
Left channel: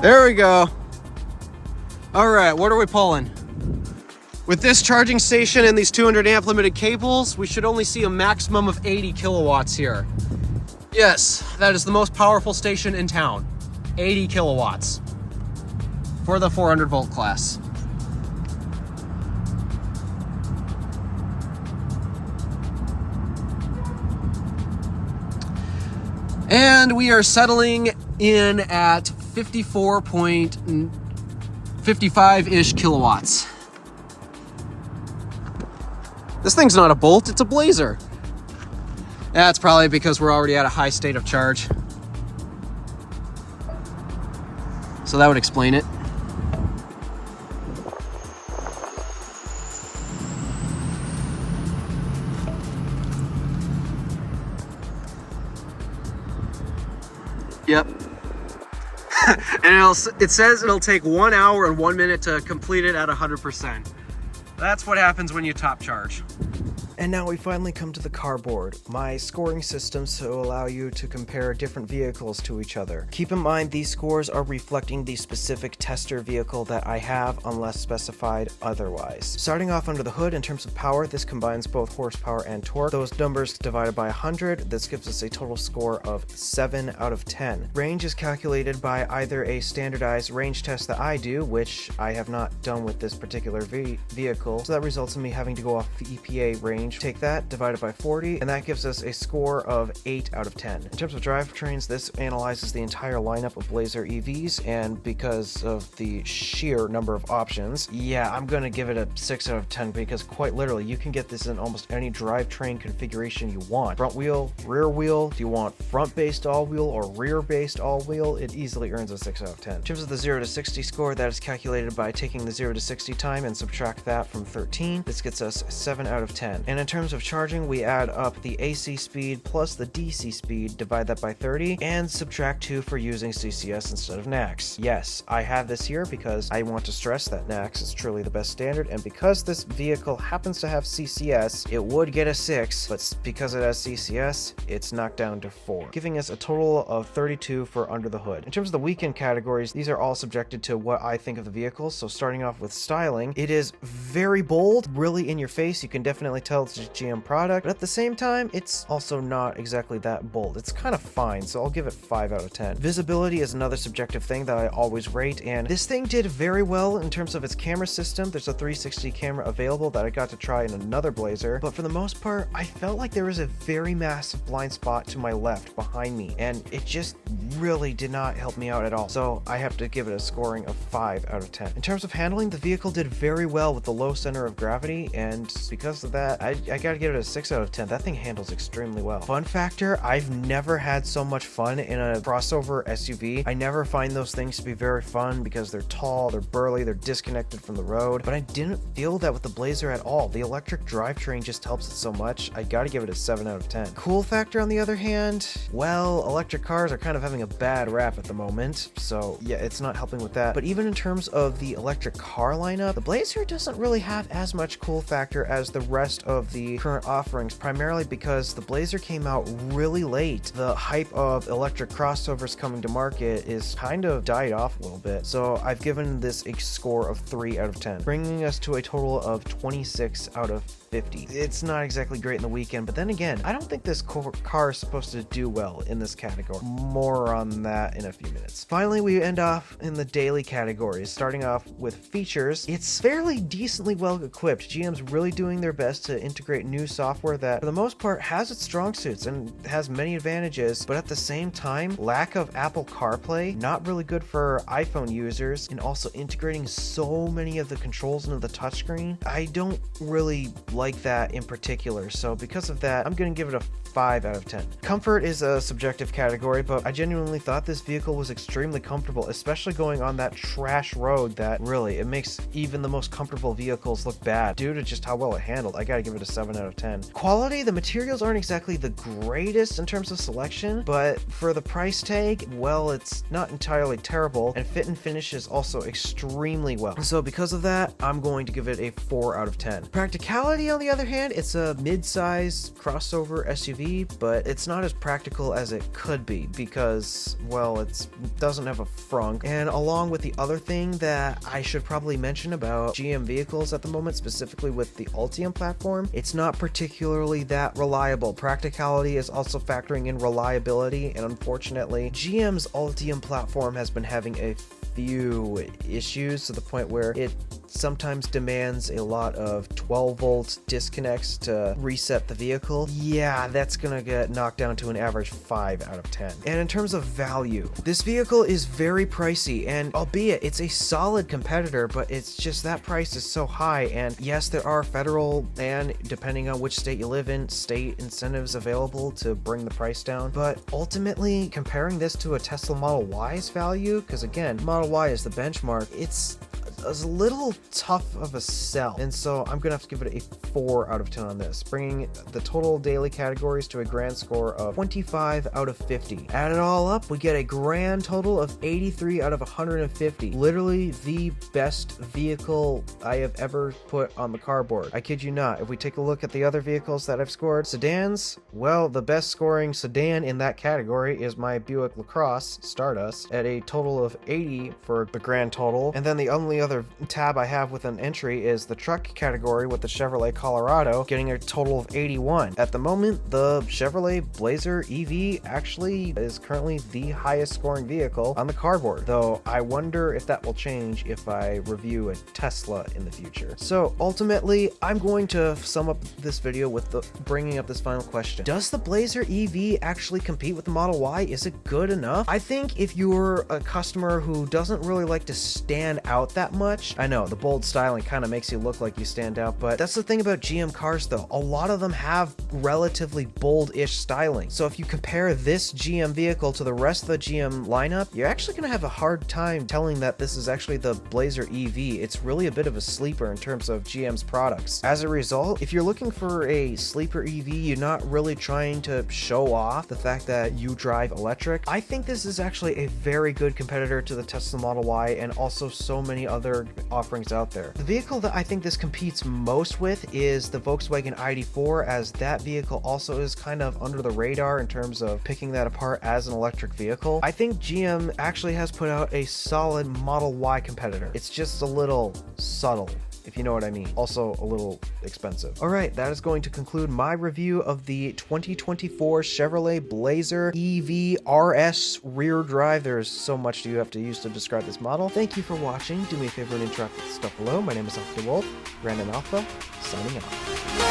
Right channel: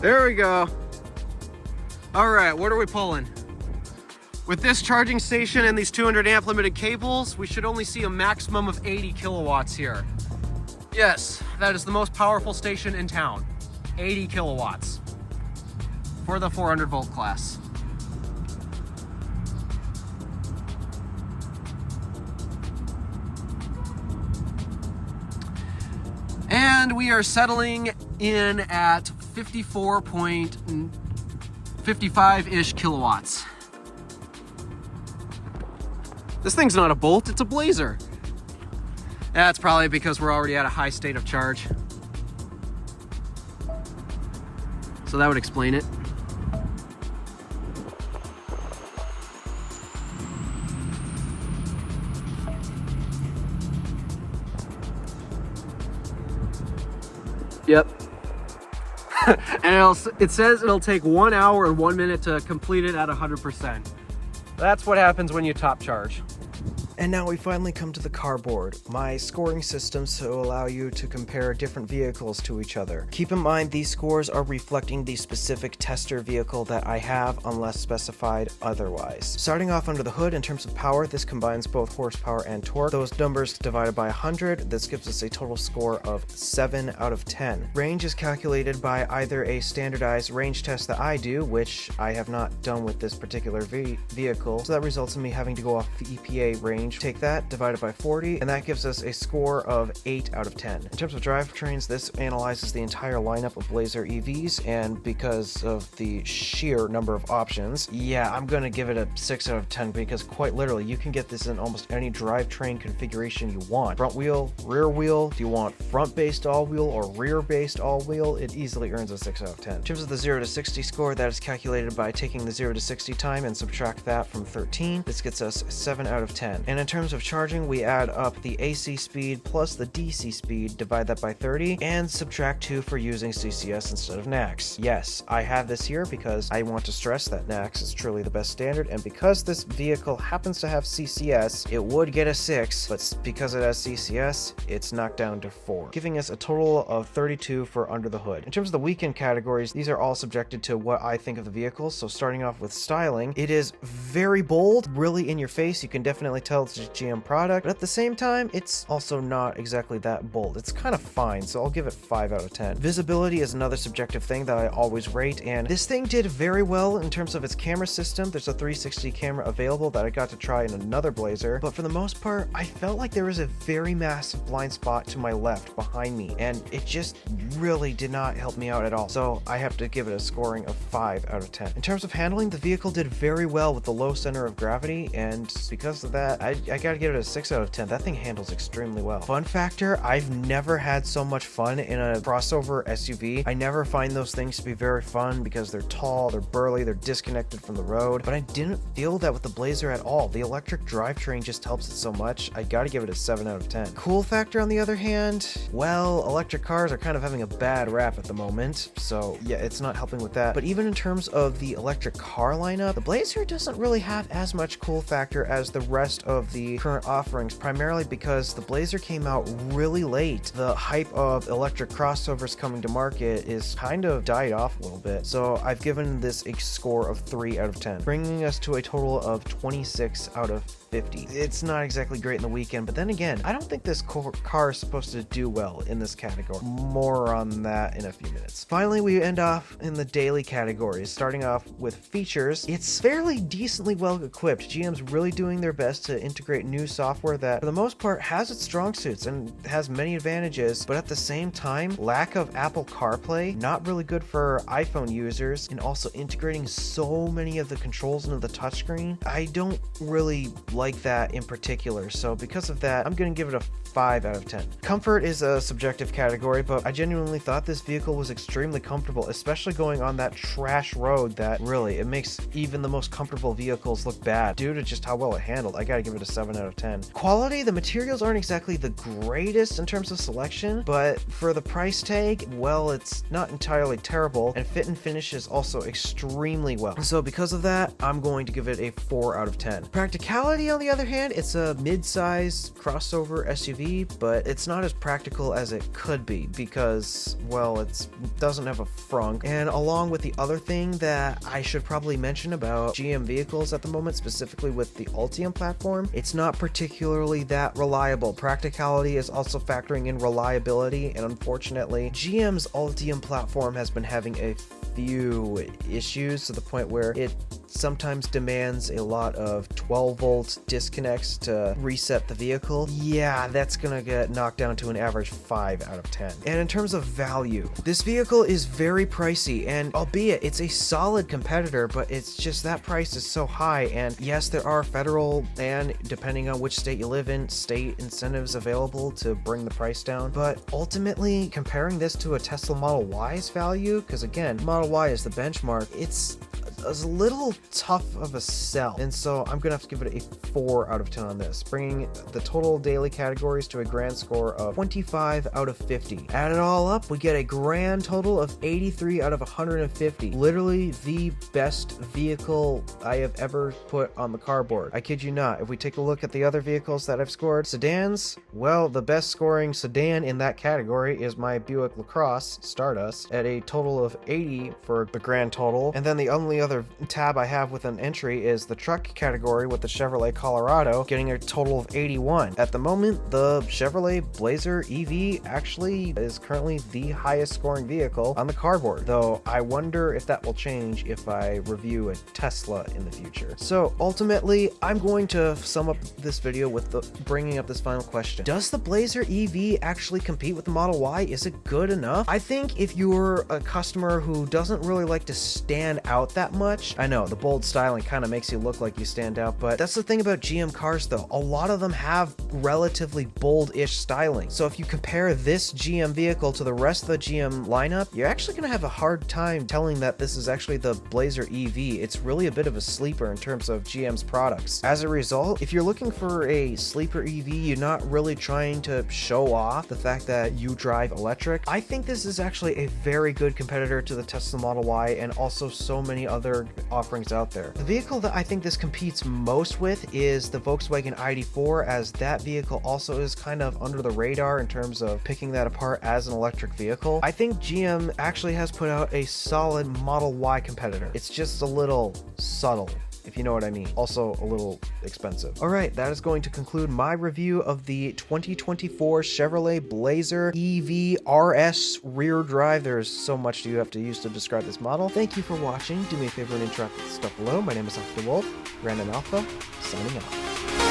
There we go. All right, what are we pulling? With this charging station and these 200 amp limited cables, we should only see a maximum of 80 kilowatts here. Yes, that is the most powerful station in town. 80 kilowatts for the 400 volt class. And we are settling in at 54.55-ish kilowatts. This thing's not a Bolt, it's a Blazer. That's probably because we're already at a high state of charge. So that would explain it. Yep. And it says it'll take 1 hour and 1 minute to complete it at 100%. That's what happens when you top charge. And now we finally come to the cardboard, my scoring system to allow you to compare different vehicles to each other. Keep in mind these scores are reflecting the specific tester vehicle that I have unless specified otherwise. Starting off under the hood in terms of power, this combines both horsepower and torque. Those numbers divided by 100, this gives us a total score of 7 out of 10. Range is calculated by either a standardized range test that I do, which I have not done with this particular vehicle, so that results in me having to go off the EPA range. Take that, divide it by 40, and that gives us a score of 8 out of 10. In terms of drivetrains, this analyzes the entire lineup of Blazer EVs, and because of the sheer number of options, yeah, I'm gonna give it a 6 out of 10 because quite literally, you can get this in almost any drivetrain configuration you want. Front wheel, rear wheel, do you want front-based all-wheel or rear-based all-wheel? It easily earns a 6 out of 10. In terms of the 0 to 60 score, that is calculated by taking the 0 to 60 time and subtract that from 13. This gets us 7 out of 10. And in terms of charging, we add up the AC speed plus the DC speed, divide that by 30, and subtract 2 for using CCS instead of NACS. Yes, I have this here because I want to stress that NACS is truly the best standard, and because this vehicle happens to have CCS, it would get a 6, but because it has CCS, it's knocked down to 4, giving us a total of 32 for under the hood. In terms of the weekend categories, these are all subjected to what I think of the vehicle, so starting off with styling, it is very bold, really in your face. You can definitely tell it's a GM product, but at the same time, it's also not exactly that bold. It's kind of fine, so I'll give it 5 out of 10. Visibility is another subjective thing that I always rate, and this thing did very well in terms of its camera system. There's a 360 camera available that I got to try in another Blazer, but for the most part, I felt like there was a very massive blind spot to my left behind me, and it just really did not help me out at all. So I have to give it a scoring of 5 out of 10. In terms of handling, the vehicle did very well with the low center of gravity, and because of that, I gotta give it a 6 out of 10. That thing handles extremely well. Fun factor, I've never had so much fun in a crossover SUV. I never find those things to be very fun because they're tall, they're burly, they're disconnected from the road, but I didn't feel that with the Blazer at all. The electric drivetrain just helps it so much. I gotta give it a 7 out of 10. Cool factor, on the other hand, well, electric cars are kind of having a bad rap at the moment, so yeah, it's not helping with that. But even in terms of the electric car lineup, the Blazer doesn't really have as much cool factor as the rest of the current offerings, primarily because the Blazer came out really late. The hype of electric crossovers coming to market is kind of died off a little bit, so I've given this a score of 3 out of 10, bringing us to a total of 26 out of 50. It's not exactly great in the weekend, but then again, I don't think this car is supposed to do well in this category. More on that in a few minutes. Finally, we end off in the daily categories, starting off with features. It's fairly decently well equipped. GM's really doing their best to integrate new software that, for the most part, has its strong suits and has many advantages, but at the same time, lack of Apple CarPlay, not really good for iPhone users, and also integrating so many of the controls into the touchscreen. I don't really like that in particular, so because of that, I'm gonna give it a 5 out of 10. Comfort is a subjective category, but I genuinely thought this vehicle was extremely comfortable, especially going on that trash road that really, it makes even the most comfortable vehicles look bad due to just how well it handled. I gotta give it a 7 out of 10. Quality, the materials aren't exactly the greatest in terms of selection, but for the price tag, well, it's not entirely terrible, and fit and finish is also extremely well. So because of that, I'm going to give it a 4 out of 10. Practicality, on the other hand, it's a mid-size crossover SUV, but it's not as practical as it could be because, well, it doesn't have a frunk. And along with the other thing that I should probably mention about GM vehicles at the moment, specifically with the Ultium platform, it's not particularly that reliable. Practicality is also factoring in reliability, and unfortunately, GM's Ultium platform has been having a few issues to the point where it sometimes demands a lot of 12-volt disconnects to reset the vehicle. Yeah, that's gonna get knocked down to an average 5 out of 10. And in terms of value, this vehicle is very pricey, and albeit it's a solid competitor, but it's just that price is so high. And yes, there are federal and, depending on which state you live in, state incentives available to bring the price down. But ultimately, comparing this to a Tesla Model Y's value, because again, Model Y is the benchmark, it's a little tough of a sell, and so I'm gonna have to give it a 4 out of 10 on this, bringing the total daily categories to a grand score of 25 out of 50. Add it all up, we get a grand total of 83 out of 150. Literally the best vehicle I have ever put on the cardboard. I kid you not. If we take a look at the other vehicles that I've scored, sedans, well, the best scoring sedan in that category is my Buick LaCrosse Stardust at a total of 80 for the grand total, and then the only other tab I have with an entry is the truck category with the Chevrolet Colorado getting a total of 81. At the moment, the Chevrolet Blazer EV actually is currently the highest scoring vehicle on the cardboard, though I wonder if that will change if I review a Tesla in the future. So ultimately, I'm going to sum up this video with bringing up this final question. Does the Blazer EV actually compete with the Model Y? Is it good enough? I think if you're a customer who doesn't really like to stand out that much, I know the bold styling kind of makes you look like you stand out, but that's the thing about GM cars though. A lot of them have relatively bold-ish styling. So if you compare this GM vehicle to the rest of the GM lineup, you're actually going to have a hard time telling that this is actually the Blazer EV. It's really a bit of a sleeper in terms of GM's products. As a result, if you're looking for a sleeper EV, you're not really trying to show off the fact that you drive electric, I think this is actually a very good competitor to the Tesla Model Y and also so many other offerings out there. The vehicle that I think this competes most with is the Volkswagen ID4, as that vehicle also is kind of under the radar in terms of picking that apart as an electric vehicle. I think GM actually has put out a solid Model Y competitor. It's just a little subtle if you know what I mean. Also a little expensive. All right, that is going to conclude my review of the 2024 Chevrolet Blazer EV RS rear drive. There's so much you have to use to describe this model. Thank you for watching. Do me a favor and interact with the stuff below. My name is DeWolf, Random Alpha, signing out.